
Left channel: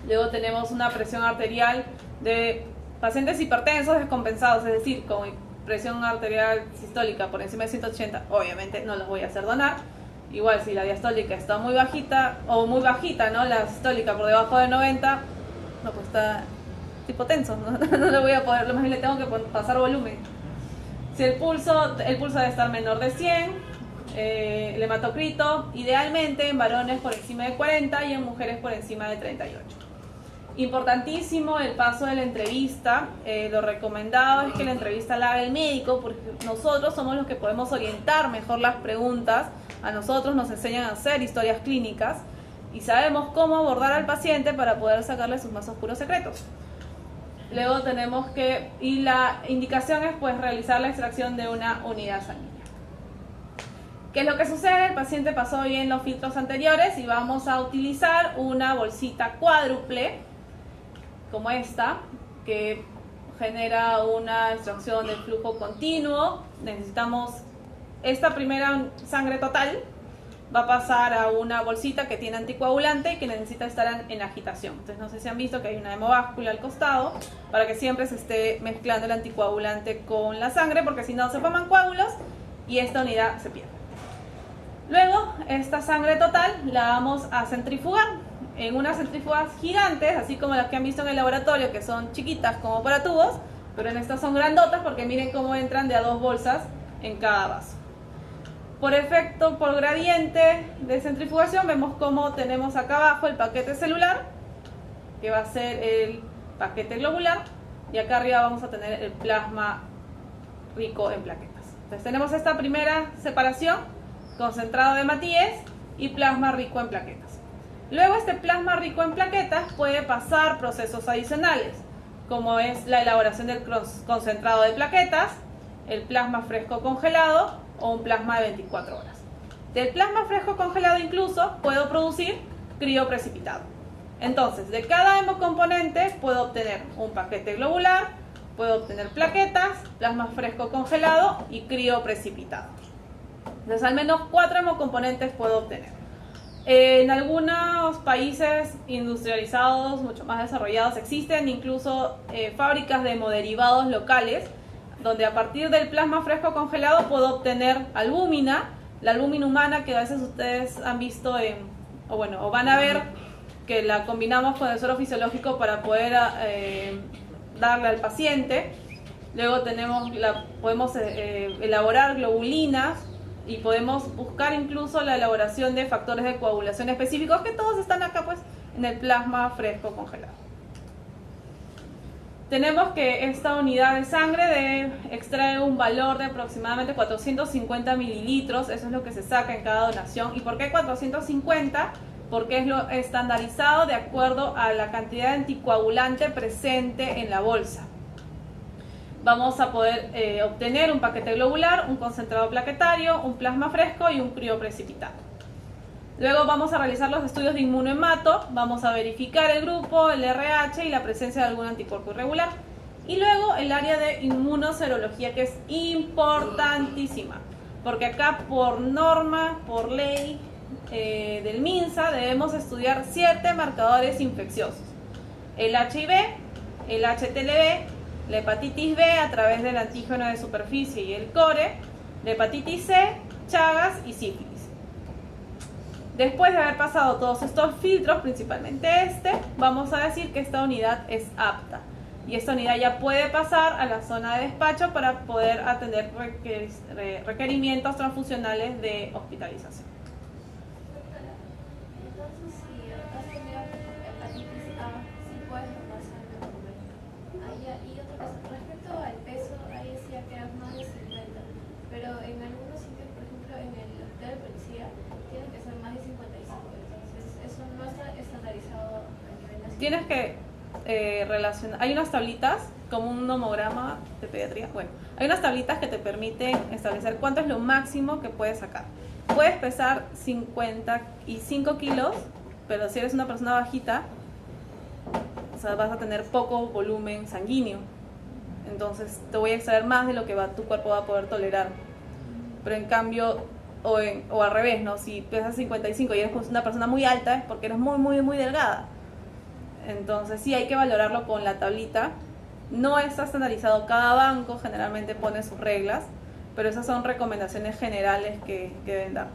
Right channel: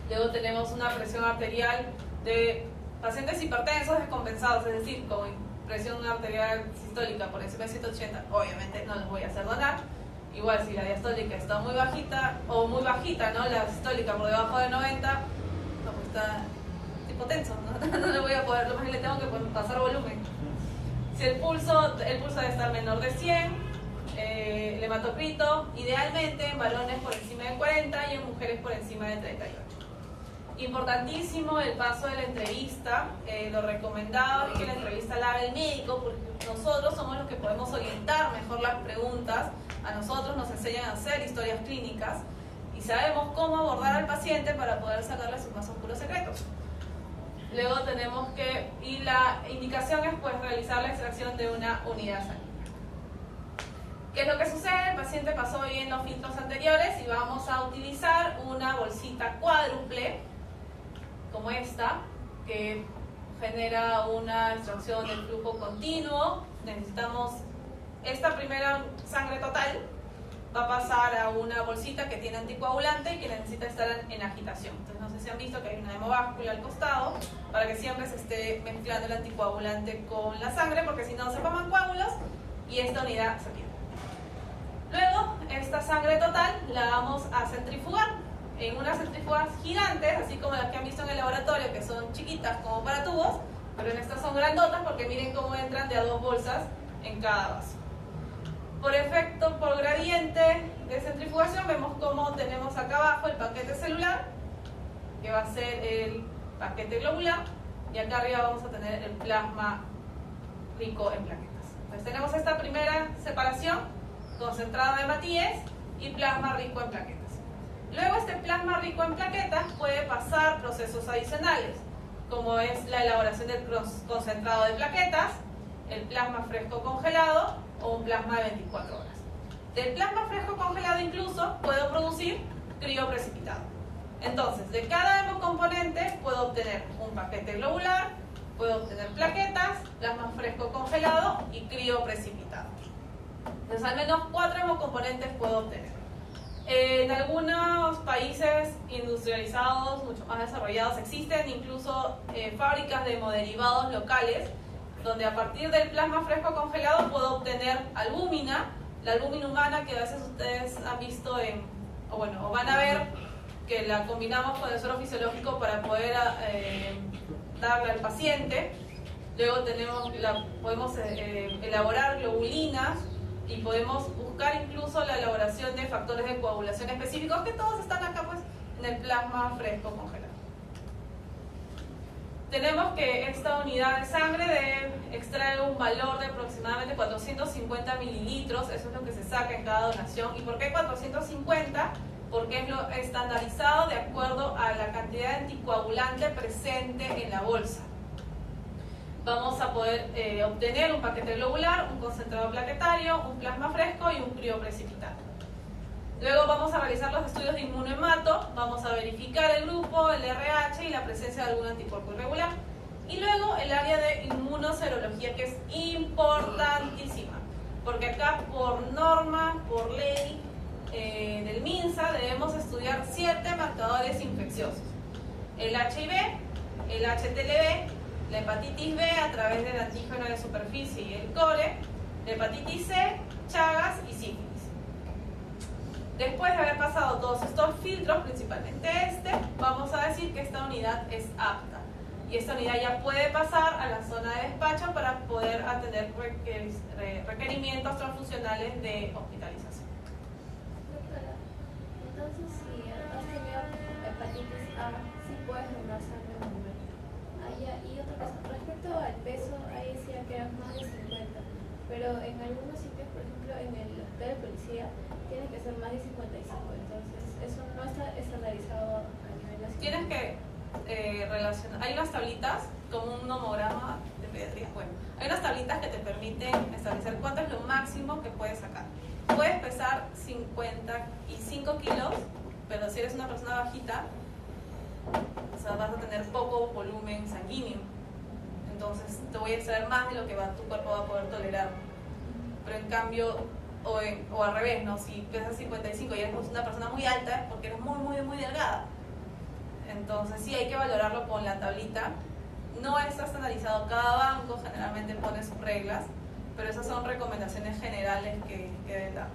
Luego tenemos una presión arterial de pacientes hipertensos descompensados, es decir, con presión arterial sistólica por encima de 180, obviamente no los voy a hacer donar. Igual si la diastólica está muy bajita, o muy bajita, ¿no? La sistólica por debajo de 90, no, pues está tipo tenso, no le voy a poder, lo más bien le tengo que pasar volumen. Si el pulso debe estar menor de 100, el hematocrito, idealmente en varones por encima de 40 y en mujeres por encima de 38. Importantísimo el paso de la entrevista. Lo recomendado es que la entrevista la haga el médico, porque nosotros somos los que podemos orientar mejor las preguntas. A nosotros nos enseñan a hacer historias clínicas y sabemos cómo abordar al paciente para poder sacarle sus más oscuros secretos. Luego tenemos y la indicación es pues realizar la extracción de una unidad sanguínea. ¿Qué es lo que sucede? El paciente pasó bien los filtros anteriores y vamos a utilizar una bolsita cuádruple como esta, que genera una extracción de flujo continuo. Necesitamos esta primera sangre total, va a pasar a una bolsita que tiene anticoagulante y que necesita estar en agitación. Entonces no sé si han visto que hay una hemobáscula al costado para que siempre se esté mezclando el anticoagulante con la sangre, porque si no se forman coágulos y esta unidad se pierde. Luego esta sangre total la vamos a centrifugar en unas centrífugas gigantes, así como las que han visto en el laboratorio, que son chiquitas como para tubos, pero en estas son grandotas porque miren cómo entran de a 2 bolsas en cada vaso. Por efecto, por gradiente de centrifugación, vemos cómo tenemos acá abajo el paquete celular, que va a ser el paquete globular, y acá arriba vamos a tener el plasma rico en plaquetas. Entonces tenemos esta primera separación, concentrado de Matías y plasma rico en plaquetas. Luego este plasma rico en plaquetas puede pasar procesos adicionales, como es la elaboración del concentrado de plaquetas, el plasma fresco congelado o un plasma de 24 horas. Del plasma fresco congelado incluso puedo producir crioprecipitado. Entonces, de cada hemocomponente puedo obtener un paquete globular, puedo obtener plaquetas, plasma fresco congelado y crioprecipitado. Entonces, al menos 4 hemocomponentes puedo obtener. En algunos países industrializados, mucho más desarrollados, existen incluso fábricas de hemoderivados locales, donde a partir del plasma fresco congelado puedo obtener albúmina, la albúmina humana que a veces ustedes han visto o van a ver que la combinamos con el suero fisiológico para poder darle al paciente. Luego podemos elaborar globulinas y podemos buscar incluso la elaboración de factores de coagulación específicos, que todos están acá pues en el plasma fresco congelado. Tenemos que esta unidad de sangre extrae un valor de aproximadamente 450 mililitros, eso es lo que se saca en cada donación. ¿Y por qué 450? Porque es lo estandarizado de acuerdo a la cantidad de anticoagulante presente en la bolsa. Vamos a poder obtener un paquete globular, un concentrado plaquetario, un plasma fresco y un crioprecipitado. Luego vamos a realizar los estudios de inmunohemato, vamos a verificar el grupo, el RH y la presencia de algún anticuerpo irregular. Y luego el área de inmunoserología, que es importantísima, porque acá por norma, por ley del MINSA, debemos estudiar 7 marcadores infecciosos: el HIV, el HTLV, la hepatitis B a través del antígeno de superficie y el core, la hepatitis C, Chagas y sífilis. Después de haber pasado todos estos filtros, principalmente vamos a decir que esta unidad es apta. Y esta unidad ya puede pasar a la zona de despacho para poder atender requerimientos transfusionales de hospitalización. Entonces, si has tenido hepatitis A, sí puedes donar sangre. Y otra cosa, respecto al peso, ahí decía que eran más de 50, pero en algunos sitios, por ejemplo, en el hotel de policía, tiene que ser más de 55, entonces eso no está estandarizado a nivel nacional. Tienes que relacionar, hay unas tablitas como un nomograma de pediatría, bueno, hay unas tablitas que te permiten establecer cuánto es lo máximo que puedes sacar. Puedes pesar 55 kilos, pero si eres una persona bajita, o sea, vas a tener poco volumen sanguíneo, entonces te voy a extraer más de lo que tu cuerpo va a poder tolerar. Pero en cambio, o al revés, ¿no? Si pesas 55 y eres una persona muy alta, es porque eres muy delgada. Entonces sí hay que valorarlo con la tablita. No está estandarizado, cada banco generalmente pone sus reglas, pero esas son recomendaciones generales que deben dar.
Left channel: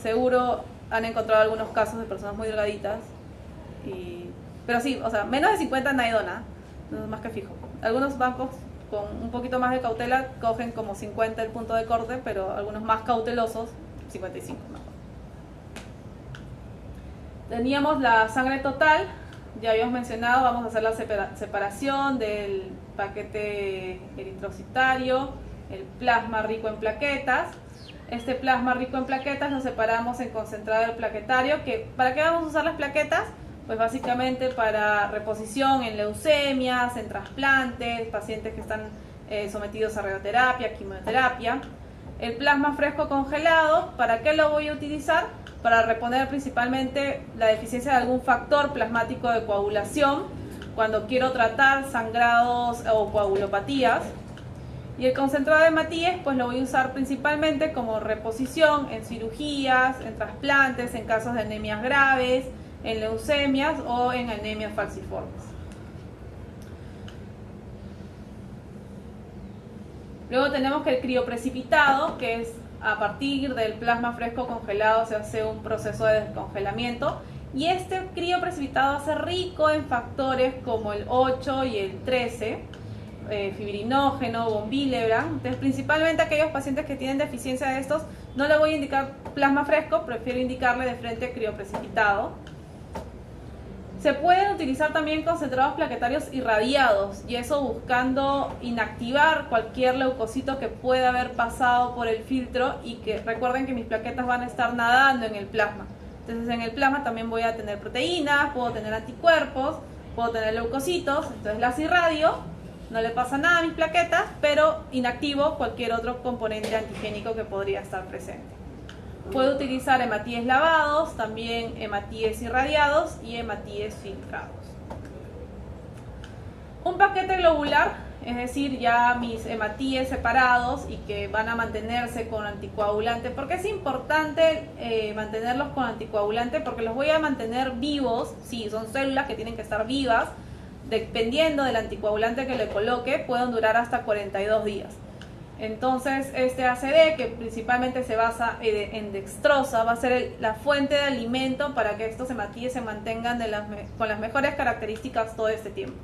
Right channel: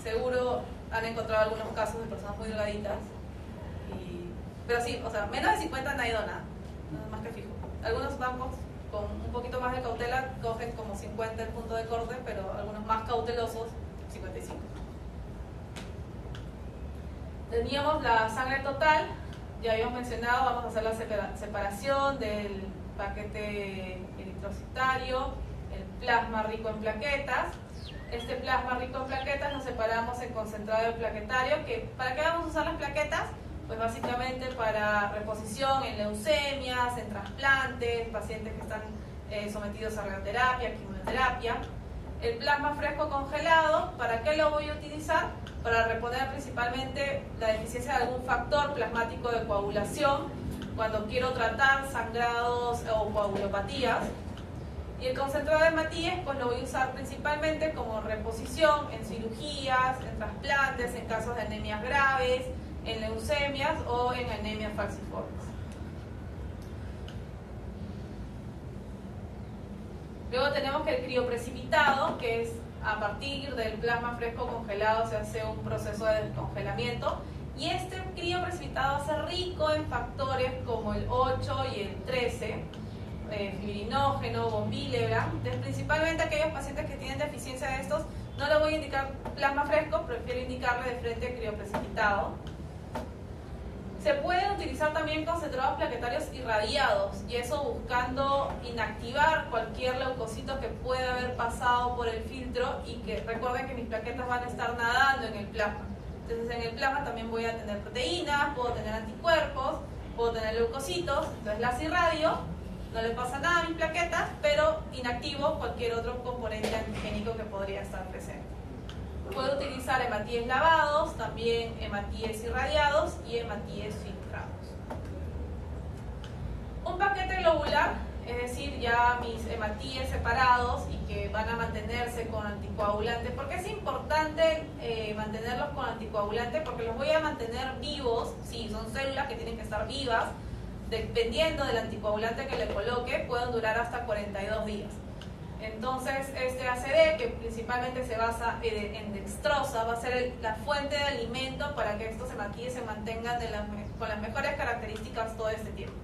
Seguro han encontrado algunos casos de personas muy delgaditas, pero sí, o sea, menos de 50 nadie dona, no es más que fijo. Algunos bancos con un poquito más de cautela cogen como 50 el punto de corte, pero algunos más cautelosos, 55. Teníamos la sangre total, ya habíamos mencionado, vamos a hacer la separación del paquete eritrocitario, el plasma rico en plaquetas. Este plasma rico en plaquetas lo separamos en concentrado del plaquetario. ¿Para qué vamos a usar las plaquetas? Pues básicamente para reposición en leucemias, en trasplantes, pacientes que están sometidos a radioterapia, quimioterapia. El plasma fresco congelado, ¿para qué lo voy a utilizar? Para reponer principalmente la deficiencia de algún factor plasmático de coagulación cuando quiero tratar sangrados o coagulopatías. Y el concentrado de hematíes, pues lo voy a usar principalmente como reposición en cirugías, en trasplantes, en casos de anemias graves, en leucemias o en anemias falciformes. Luego tenemos que el crioprecipitado, que es a partir del plasma fresco congelado se hace un proceso de descongelamiento, y este crioprecipitado va a ser rico en factores como el 8 y el 13, fibrinógeno, von Willebrand. Entonces, principalmente aquellos pacientes que tienen deficiencia de estos, no le voy a indicar plasma fresco, prefiero indicarle de frente crioprecipitado. Se pueden utilizar también concentrados plaquetarios irradiados, y eso buscando inactivar cualquier leucocito que pueda haber pasado por el filtro, y que recuerden que mis plaquetas van a estar nadando en el plasma. Entonces en el plasma también voy a tener proteínas, puedo tener anticuerpos, puedo tener leucocitos, entonces las irradio, no le pasa nada a mis plaquetas, pero inactivo cualquier otro componente antigénico que podría estar presente. Puedo utilizar hematíes lavados, también hematíes irradiados y hematíes filtrados. Un paquete globular, es decir, ya mis hematíes separados y que van a mantenerse con anticoagulante. ¿Por qué es importante mantenerlos con anticoagulante? Porque los voy a mantener vivos, sí, son células que tienen que estar vivas, dependiendo del anticoagulante que le coloque, pueden durar hasta 42 días. Entonces, este ACD, que principalmente se basa en dextrosa, va a ser la fuente de alimento para que estos hematíes se mantengan con las mejores características todo este tiempo.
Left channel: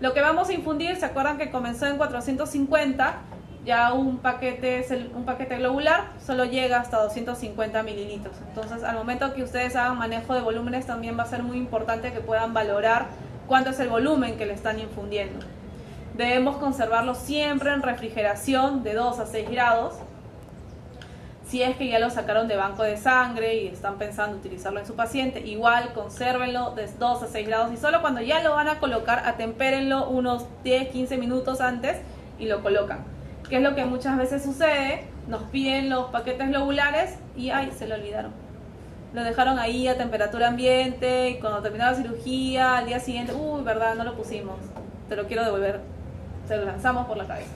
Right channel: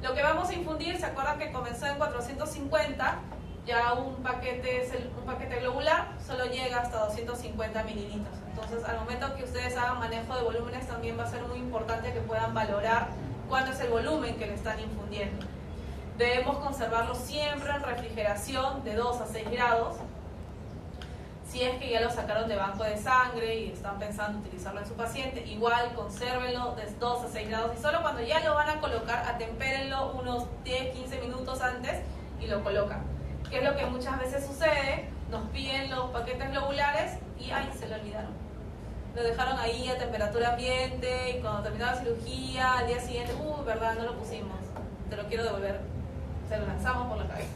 Lo que vamos a infundir, ¿se acuerdan que comenzó en 450? Ya un paquete globular solo llega hasta 250 mililitros. Entonces, al momento que ustedes hagan manejo de volúmenes, también va a ser muy importante que puedan valorar cuánto es el volumen que le están infundiendo. Debemos conservarlo siempre en refrigeración de 2 a 6 grados. Si es que ya lo sacaron de banco de sangre y están pensando utilizarlo en su paciente, igual consérvenlo de 2 a 6 grados y solo cuando ya lo van a colocar, atempérenlo unos 10-15 minutos antes y lo colocan. Que es lo que muchas veces sucede, nos piden los paquetes globulares y ¡ay! Se lo olvidaron. Lo dejaron ahí a temperatura ambiente y cuando terminaba la cirugía, al día siguiente, verdad, no lo pusimos, te lo quiero devolver. Se lo lanzamos por la cabeza.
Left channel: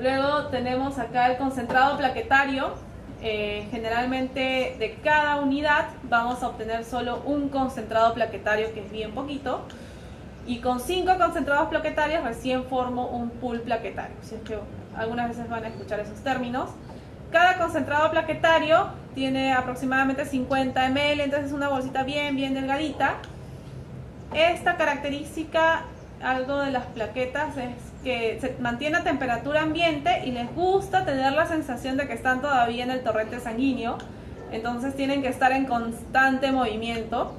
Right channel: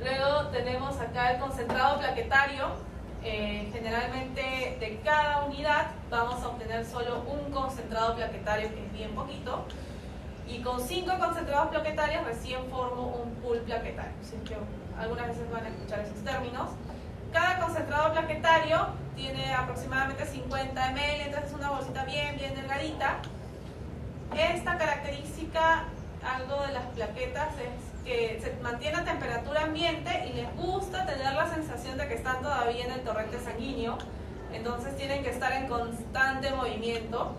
Luego tenemos acá el concentrado plaquetario. Generalmente de cada unidad vamos a obtener solo un concentrado plaquetario, que es bien poquito. Y con 5 concentrados plaquetarios recién formo un pool plaquetario. Así que algunas veces van a escuchar esos términos. Cada concentrado plaquetario tiene aproximadamente 50 ml, entonces es una bolsita bien delgadita. Esta característica, algo de las plaquetas, es que se mantiene a temperatura ambiente y les gusta tener la sensación de que están todavía en el torrente sanguíneo, entonces tienen que estar en constante movimiento.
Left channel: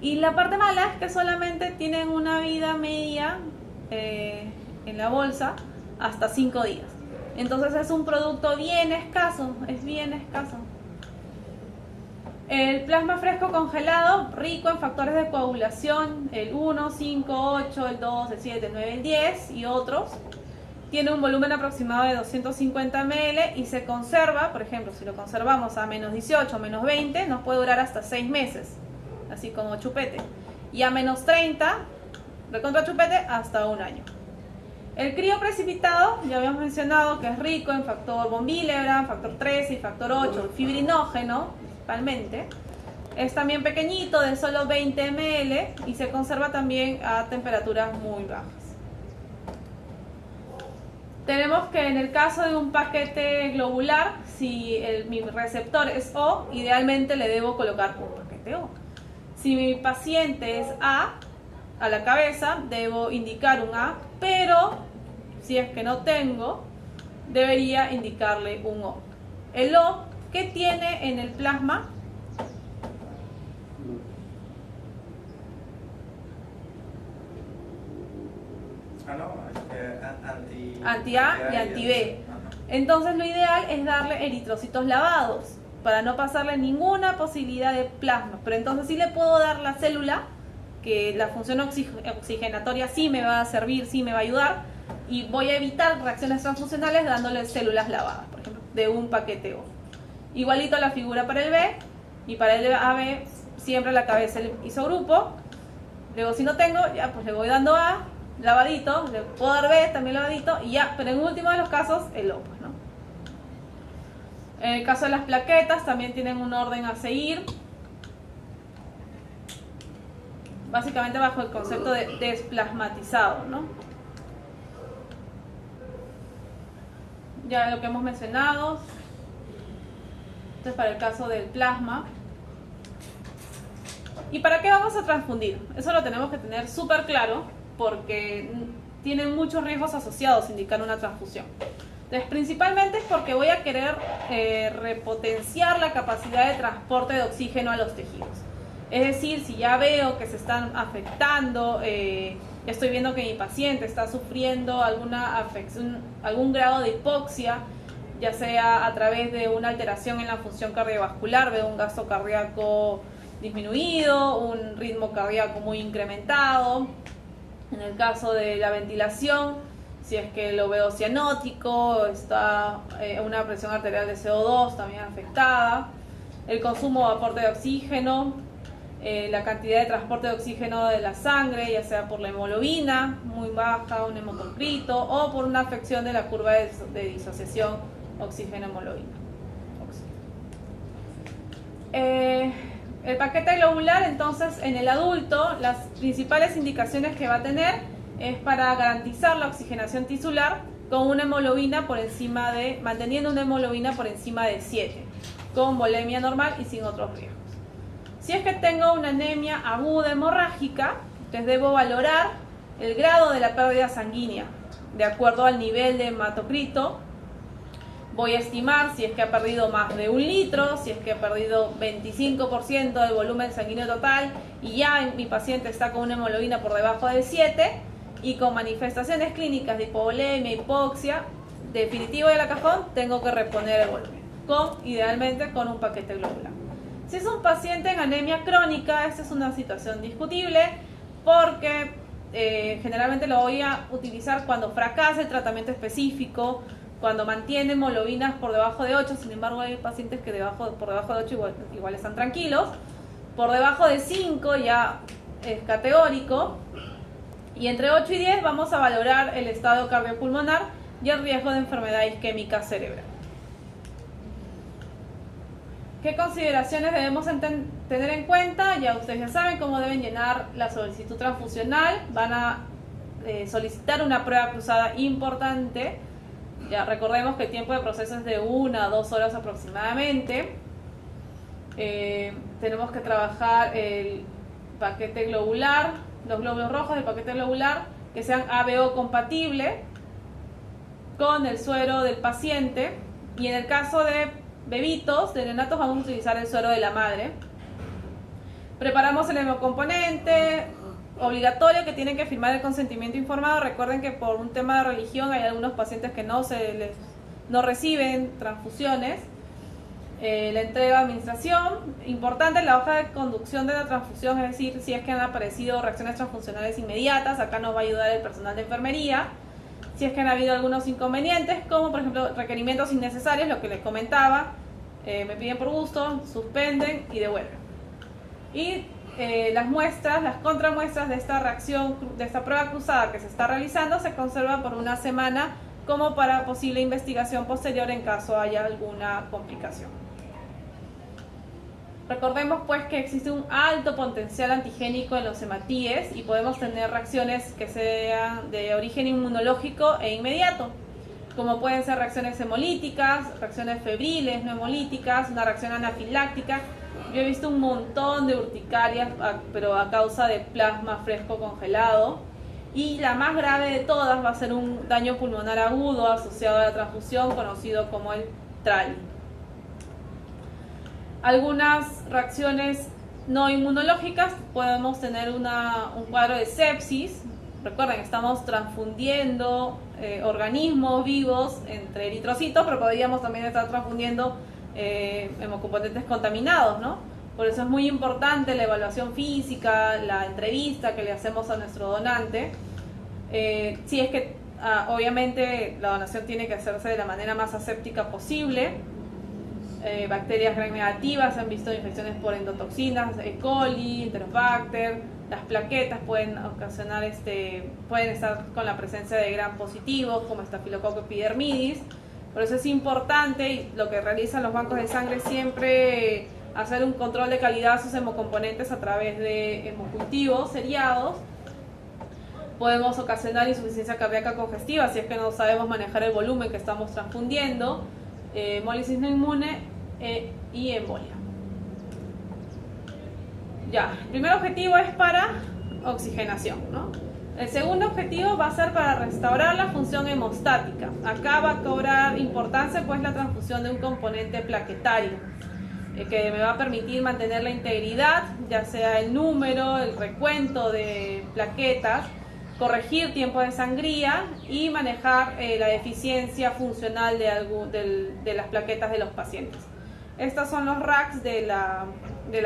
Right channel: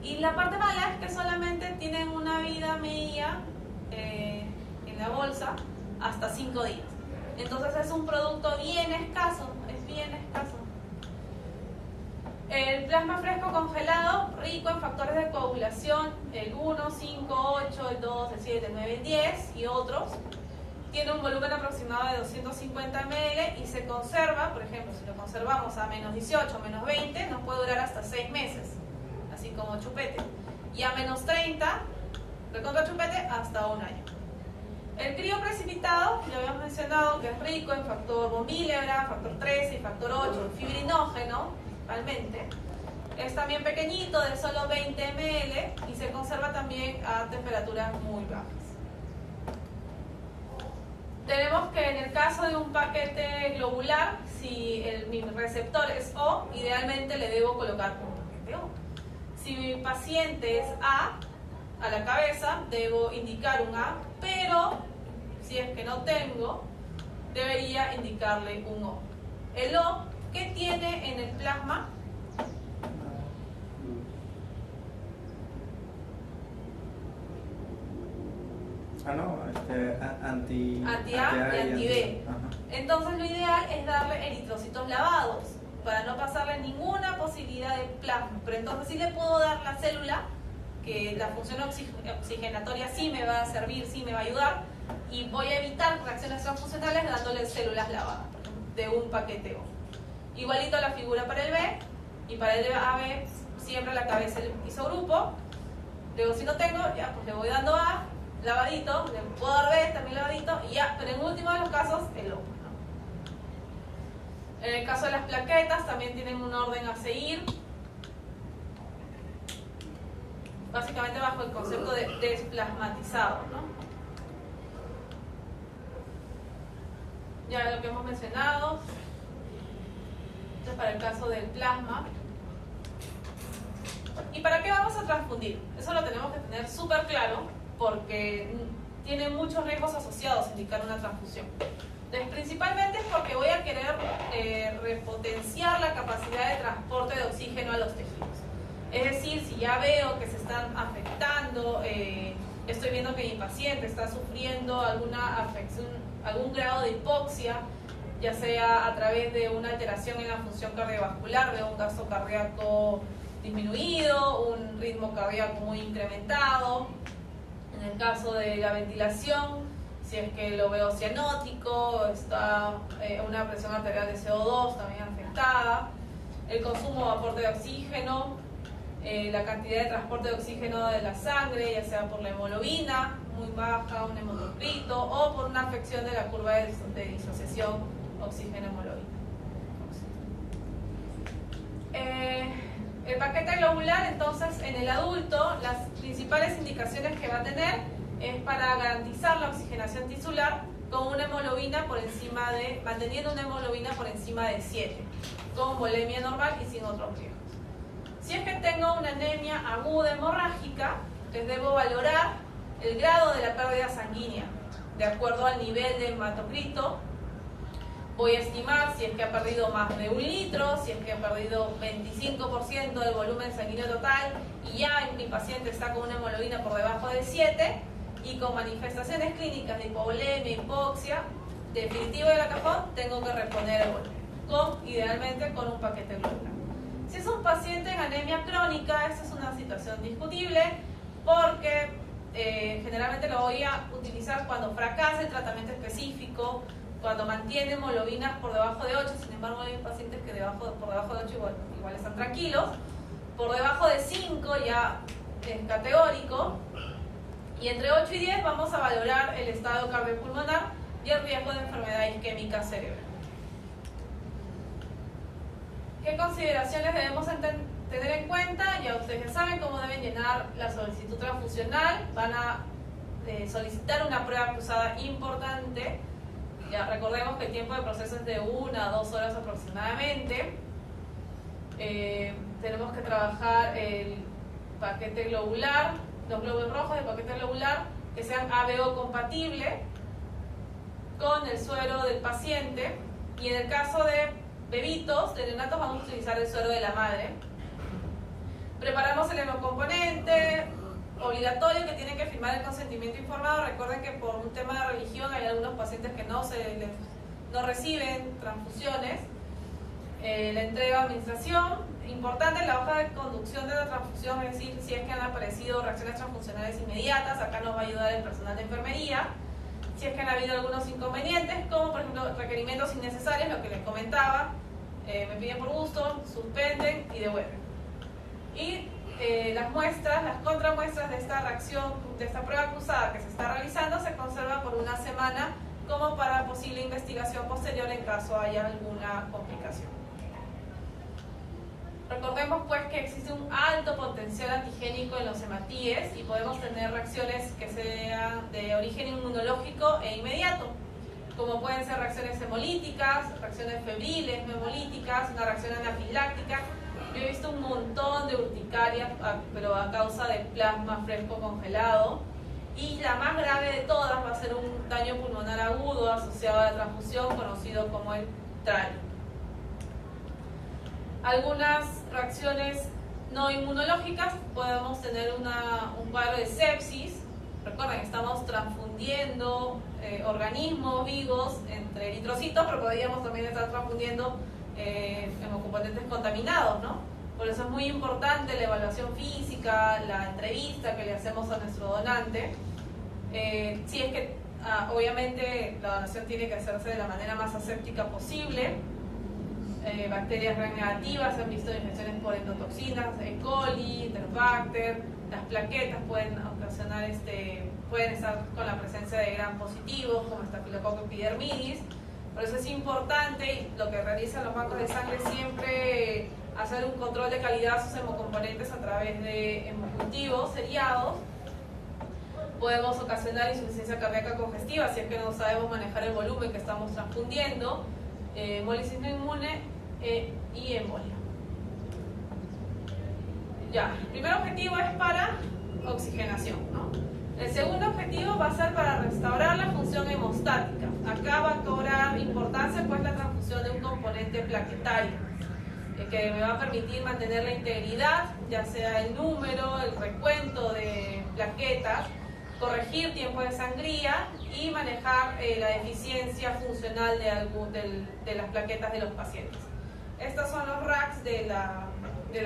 Y la parte mala es que solamente tienen una vida media en la bolsa hasta 5 días. Entonces es un producto bien escaso, es bien escaso. El plasma fresco congelado, rico en factores de coagulación, el 1, 5, 8, el 2, el 7, el 9, el 10 y otros. Tiene un volumen aproximado de 250 ml y se conserva, por ejemplo, si lo conservamos a menos 18, menos 20, nos puede durar hasta 6 meses, así como chupete. Y a menos 30, recontra chupete, hasta 1 año. El crío precipitado, ya habíamos mencionado que es rico en factor von Willebrand, factor 13 y factor 8, fibrinógeno, principalmente. Es también pequeñito, de solo 20 ml y se conserva también a temperaturas muy bajas. Tenemos que en el caso de un paquete globular, si mi receptor es O, idealmente le debo colocar un paquete O. Si mi paciente es A la cabeza, debo indicar un A, pero si es que no tengo, debería indicarle un O. El O, ¿qué tiene en el plasma? Anti-A y anti-B. Entonces lo ideal es darle eritrocitos lavados para no pasarle ninguna posibilidad de plasma. Pero entonces sí le puedo dar la célula, que la función oxigenatoria sí me va a servir, sí me va a ayudar, y voy a evitar reacciones transfusionales dándole células lavadas, por ejemplo, de un paquete O. Igualito la figura para el B, y para el AB siempre la cabeza el isogrupo. Luego si no tengo, ya pues le voy dando A, lavadito, le puedo dar B, también lavadito, y ya, pero en último de los casos, el O, pues, ¿no? En el caso de las plaquetas también tienen un orden a seguir, básicamente bajo el concepto de desplasmatizado, ¿no? Ya lo que hemos mencionado. Este es para el caso del plasma. ¿Y para qué vamos a transfundir? Eso lo tenemos que tener súper claro porque tiene muchos riesgos asociados indicar una transfusión. Entonces, principalmente es porque voy a querer repotenciar la capacidad de transporte de oxígeno a los tejidos. Es decir, si ya veo que se están afectando, estoy viendo que mi paciente está sufriendo alguna afección, algún grado de hipoxia, ya sea a través de una alteración en la función cardiovascular, veo un gasto cardíaco disminuido, un ritmo cardíaco muy incrementado. En el caso de la ventilación, si es que lo veo cianótico, está una presión arterial de CO2 también afectada, el consumo o aporte de oxígeno, la cantidad de transporte de oxígeno de la sangre, ya sea por la hemoglobina muy baja, un hemocrito, o por una afección de la curva de disociación oxígeno-hemoglobina. El paquete globular, entonces, en el adulto, las principales indicaciones que va a tener es para garantizar la oxigenación tisular con una hemoglobina por encima de, manteniendo una hemoglobina por encima de 7, con volemia normal y sin otros riesgos. Si es que tengo una anemia aguda hemorrágica, entonces debo valorar el grado de la pérdida sanguínea de acuerdo al nivel de hematocrito. Voy a estimar si es que ha perdido más de 1 litro, si es que ha perdido 25% del volumen sanguíneo total y ya mi paciente está con una hemoglobina por debajo de 7, y con manifestaciones clínicas de hipovolemia, hipoxia, definitivo de la cajón, tengo que reponer el golpe, idealmente con un paquete globular. Si es un paciente en anemia crónica, esta es una situación discutible porque generalmente lo voy a utilizar cuando fracasa el tratamiento específico, cuando mantiene hemoglobinas por debajo de 8, sin embargo hay pacientes que por debajo de 8 igual están tranquilos, por debajo de 5 ya es categórico, y entre 8 y 10 vamos a valorar el estado cardiopulmonar y el riesgo de enfermedad isquémica cerebral. ¿Qué consideraciones debemos tener en cuenta? Ya ustedes ya saben cómo deben llenar la solicitud transfusional. Van a solicitar una prueba cruzada importante. Ya recordemos que el tiempo de proceso es de 1 a 2 horas aproximadamente. Tenemos que trabajar el paquete globular, los glóbulos rojos del paquete globular que sean ABO compatible con el suero del paciente, y en el caso de bebitos, de neonatos, vamos a utilizar el suero de la madre. Preparamos el hemocomponente obligatorio que tienen que firmar el consentimiento informado. Recuerden que por un tema de religión hay algunos pacientes que no reciben transfusiones. La entrega de administración, importante la hoja de conducción de la transfusión, es decir, si es que han aparecido reacciones transfusionales inmediatas, acá nos va a ayudar el personal de enfermería. Si es que han habido algunos inconvenientes, como por ejemplo requerimientos innecesarios, lo que les comentaba, me piden por gusto, suspenden y devuelven. Y las muestras, las contramuestras de esta reacción, de esta prueba cruzada que se está realizando, se conservan por una semana como para posible investigación posterior en caso haya alguna complicación. Recordemos pues que existe un alto potencial antigénico en los hematíes y podemos tener reacciones que sean de origen inmunológico e inmediato, como pueden ser reacciones hemolíticas, reacciones febriles, no hemolíticas, una reacción anafiláctica. Yo he visto un montón de urticarias, pero a causa de plasma fresco congelado, y la más grave de todas va a ser un daño pulmonar agudo asociado a la transfusión, conocido como el TRAL. Algunas reacciones no inmunológicas, podemos tener un cuadro de sepsis. Recuerden, estamos transfundiendo organismos vivos entre eritrocitos, pero podríamos también estar transfundiendo hemocomponentes contaminados, ¿no? Por eso es muy importante la evaluación física, la entrevista que le hacemos a nuestro donante. Si es que, obviamente, la donación tiene que hacerse de la manera más aséptica posible. Bacterias gram negativas, se han visto infecciones por endotoxinas, E. coli, Enterobacter. Las plaquetas pueden ocasionar, pueden estar con la presencia de gram positivos, como Staphylococcus epidermidis. Por eso es importante, y lo que realizan los bancos de sangre siempre, hacer un control de calidad de sus hemocomponentes a través de hemocultivos seriados. Podemos ocasionar insuficiencia cardíaca congestiva si es que no sabemos manejar el volumen que estamos transfundiendo, hemólisis no inmune y embolia. Ya, el primer objetivo es para oxigenación, ¿no? El segundo objetivo va a ser para restaurar la función hemostática. Acá va a cobrar importancia pues la transfusión de un componente plaquetario que me va a permitir mantener la integridad, ya sea el número, el recuento de plaquetas, corregir tiempo de sangría y manejar la deficiencia funcional de las plaquetas de los pacientes. Estos son los racks del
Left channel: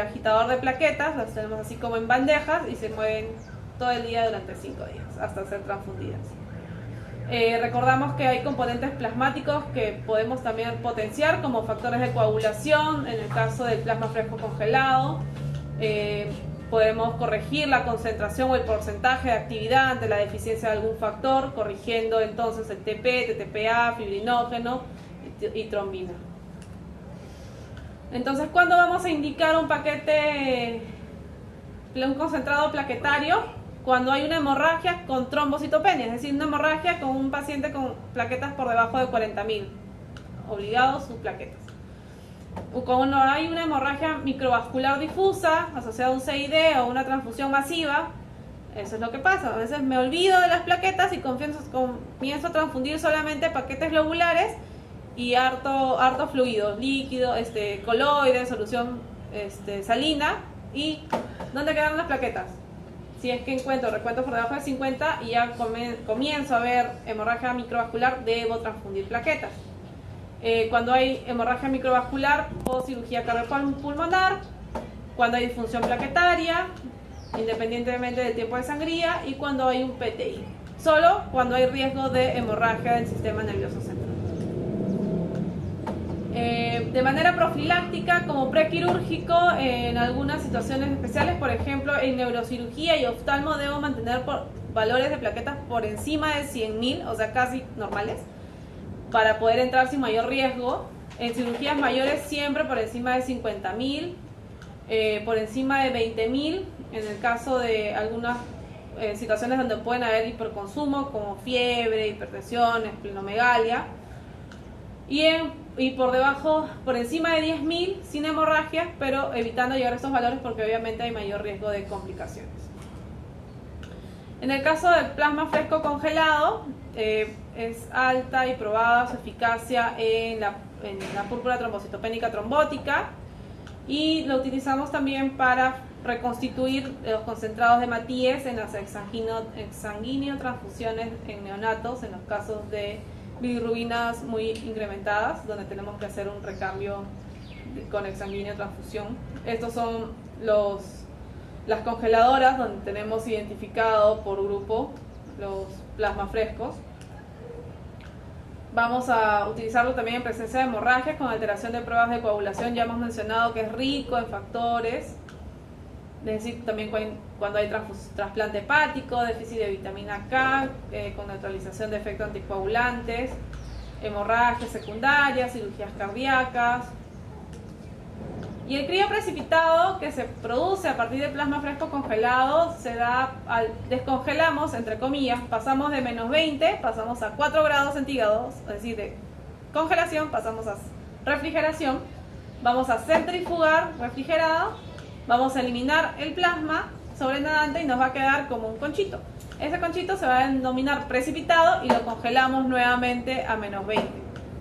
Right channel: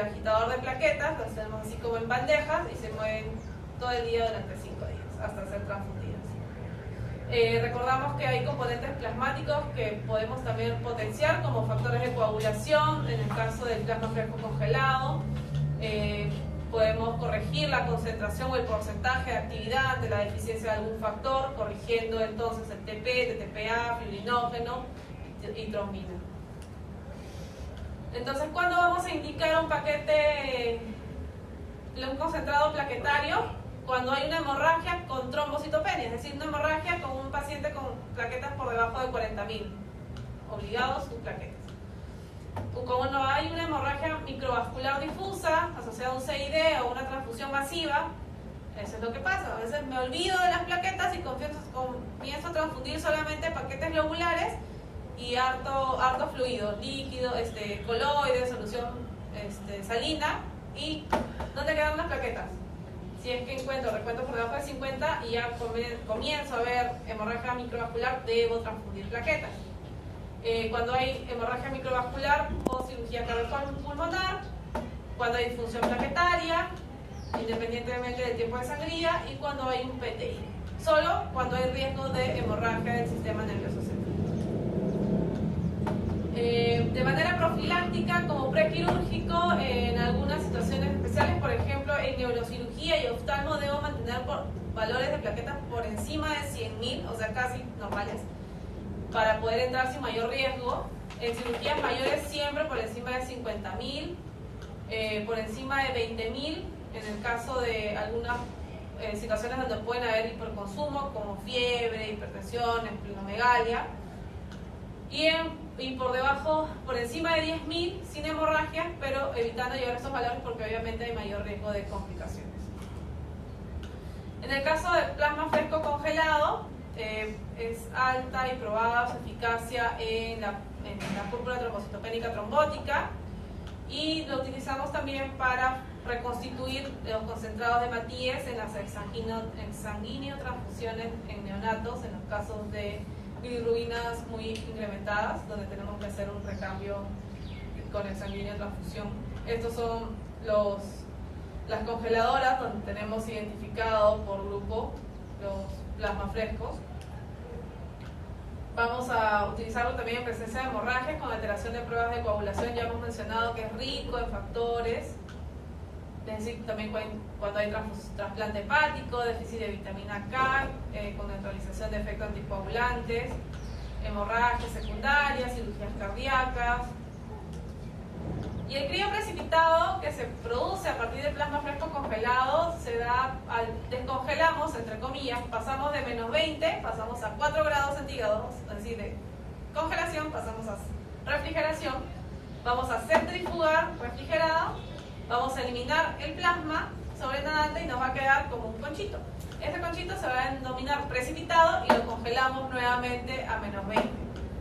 agitador de plaquetas, los tenemos así como en bandejas y se mueven todo el día durante 5 días hasta ser transfundidas. Recordamos que hay componentes plasmáticos que podemos también potenciar como factores de coagulación en el caso del plasma fresco congelado. Podemos corregir la concentración o el porcentaje de actividad ante la deficiencia de algún factor, corrigiendo entonces el TP, TTPA, fibrinógeno y trombina. Entonces, ¿cuándo vamos a indicar un paquete, un concentrado plaquetario? Cuando hay una hemorragia con trombocitopenia, es decir, una hemorragia con un paciente con plaquetas por debajo de 40.000, obligados sus plaquetas. Cuando hay una hemorragia microvascular difusa asociada a un CID o una transfusión masiva, eso es lo que pasa. A veces me olvido de las plaquetas y comienzo a transfundir solamente paquetes globulares y harto fluido, líquido, coloide, solución salina. ¿Y dónde quedaron las plaquetas? si es que encuentro recuentos por debajo de 50 y ya comienzo a ver hemorragia microvascular, debo transfundir plaquetas. Cuando hay hemorragia microvascular o cirugía cardiopulmonar, cuando hay disfunción plaquetaria, independientemente del tiempo de sangría, y cuando hay un PTI. Solo cuando hay riesgo de hemorragia del sistema nervioso central. De manera profiláctica, como prequirúrgico, en algunas situaciones especiales, por ejemplo, en neurocirugía y oftalmo, debo mantener valores de plaquetas por encima de 100.000, o sea, casi normales, para poder entrar sin mayor riesgo. En cirugías mayores siempre por encima de 50.000, por encima de 20.000, en el caso de algunas situaciones donde pueden haber hiperconsumo, como fiebre, hipertensión, esplenomegalia, y por debajo, por encima de 10.000, sin hemorragias, pero evitando llegar a estos valores porque obviamente hay mayor riesgo de complicaciones. En el caso del plasma fresco congelado, es alta y probada su eficacia en la púrpura trombocitopénica trombótica, y lo utilizamos también para reconstituir los concentrados de Matías en las exsanguíneo transfusiones en neonatos, en los casos de bilirrubinas muy incrementadas, donde tenemos que hacer un recambio con exsanguíneo transfusión. Estos son las congeladoras donde tenemos identificado por grupo los plasmas frescos. Vamos a utilizarlo también en presencia de hemorragias con alteración de pruebas de coagulación. Ya hemos mencionado que es rico en factores, es decir, también cuando hay trasplante hepático, déficit de vitamina K, con neutralización de efectos anticoagulantes, hemorragias secundarias, cirugías cardíacas. Y el crío precipitado, que se produce a partir del plasma fresco congelado, se da descongelamos, entre comillas, pasamos de -20, pasamos a 4 grados centígrados, es decir, de congelación pasamos a refrigeración. Vamos a centrifugar refrigerado, vamos a eliminar el plasma sobrenadante y nos va a quedar como un conchito. Ese conchito se va a denominar precipitado y lo congelamos nuevamente a -20.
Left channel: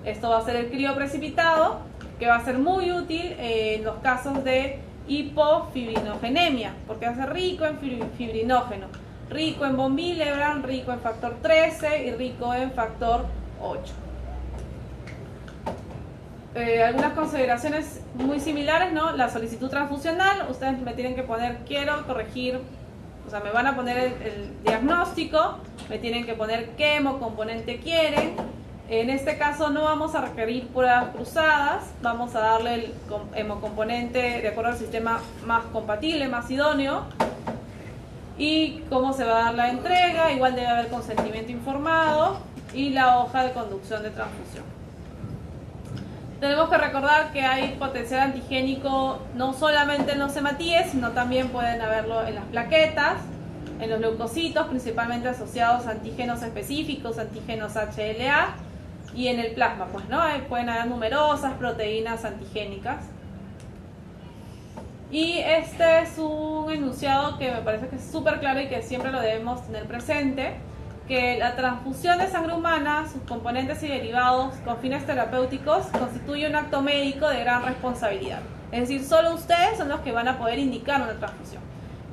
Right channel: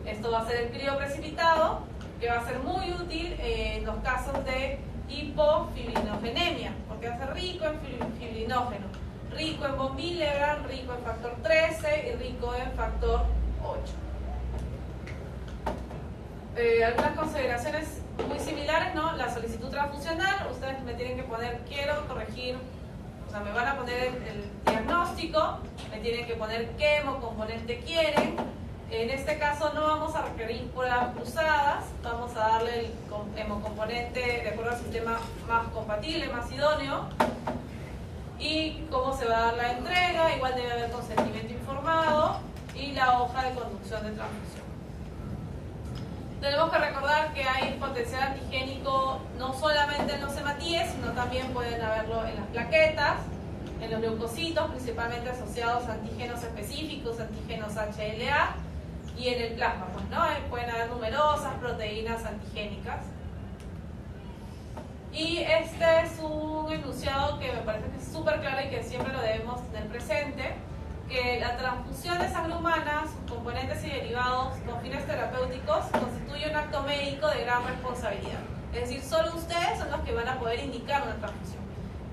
Esto va a ser el crío precipitado, que va a ser muy útil en los casos de hipofibrinogenemia, porque va a ser rico en fibrinógeno, rico en von Willebrand, rico en factor 13 y rico en factor 8. Algunas consideraciones muy similares, ¿no? La solicitud transfusional, ustedes me tienen que poner, quiero corregir, o sea, me van a poner el diagnóstico, me tienen que poner qué hemocomponente quieren. En este caso no vamos a requerir pruebas cruzadas, vamos a darle el hemocomponente de acuerdo al sistema más compatible, más idóneo. Y cómo se va a dar la entrega, igual debe haber consentimiento informado y la hoja de conducción de transfusión. Tenemos que recordar que hay potencial antigénico no solamente en los hematíes, sino también pueden haberlo en las plaquetas, en los leucocitos, principalmente asociados a antígenos específicos, antígenos HLA, y en el plasma, pues, ¿no? Pueden haber numerosas proteínas antigénicas. Y este es un enunciado que me parece que es súper claro y que siempre lo debemos tener presente, que la transfusión de sangre humana, sus componentes y derivados con fines terapéuticos, constituye un acto médico de gran responsabilidad. Es decir, solo ustedes son los que van a poder indicar una transfusión.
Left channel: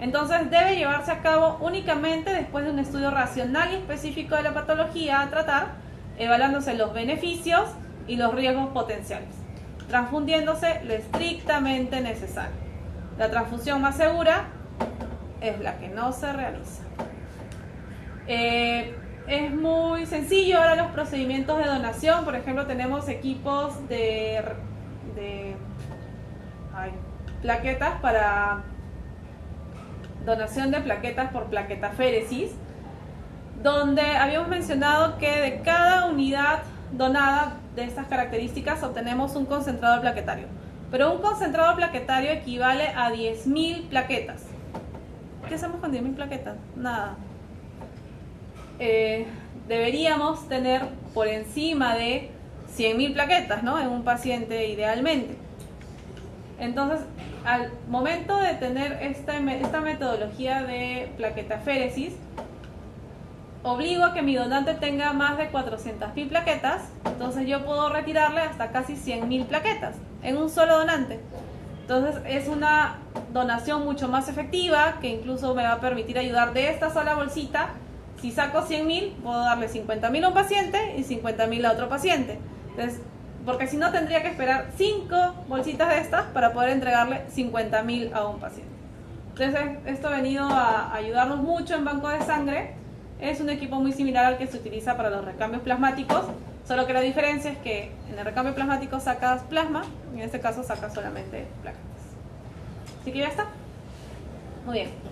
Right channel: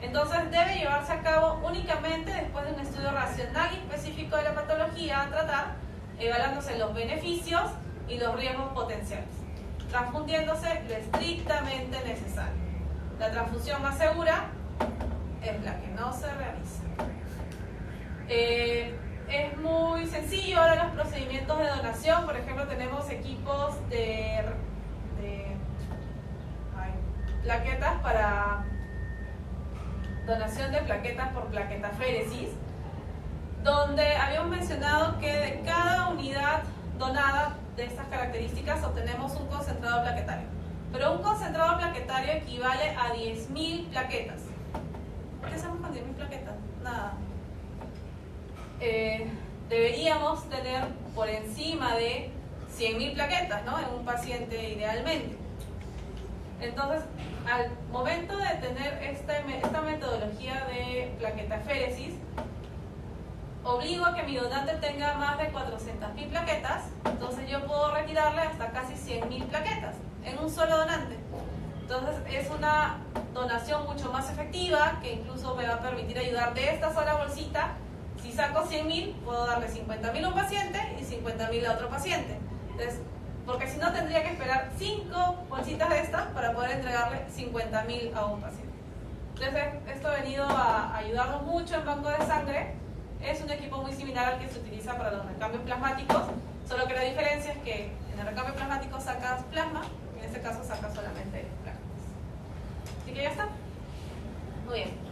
Entonces debe llevarse a cabo únicamente después de un estudio racional y específico de la patología a tratar, evaluándose los beneficios y los riesgos potenciales, transfundiéndose lo estrictamente necesario. La transfusión más segura es la que no se realiza. Es muy sencillo ahora los procedimientos de donación. Por ejemplo, tenemos equipos de plaquetas para donación de plaquetas por plaquetaféresis, donde habíamos mencionado que de cada unidad donada de estas características obtenemos un concentrado plaquetario. Pero un concentrado plaquetario equivale a 10.000 plaquetas. ¿Qué hacemos con 10.000 plaquetas? Nada. Deberíamos tener por encima de 100.000 plaquetas, ¿no? En un paciente idealmente. Entonces, al momento de tener esta metodología de plaquetaféresis, obligo a que mi donante tenga más de 400.000 plaquetas, entonces yo puedo retirarle hasta casi 100.000 plaquetas en un solo donante. Entonces es una donación mucho más efectiva, que incluso me va a permitir ayudar de esta sola bolsita. Si saco 100.000, puedo darle 50.000 a un paciente y 50.000 a otro paciente. Entonces, porque si no tendría que esperar 5 bolsitas de estas para poder entregarle 50.000 a un paciente. Entonces esto ha venido a ayudarnos mucho en banco de sangre. Es un equipo muy similar al que se utiliza para los recambios plasmáticos, solo que la diferencia es que en el recambio plasmático sacas plasma y en este caso sacas solamente plasmas. Así que ya está. Muy bien.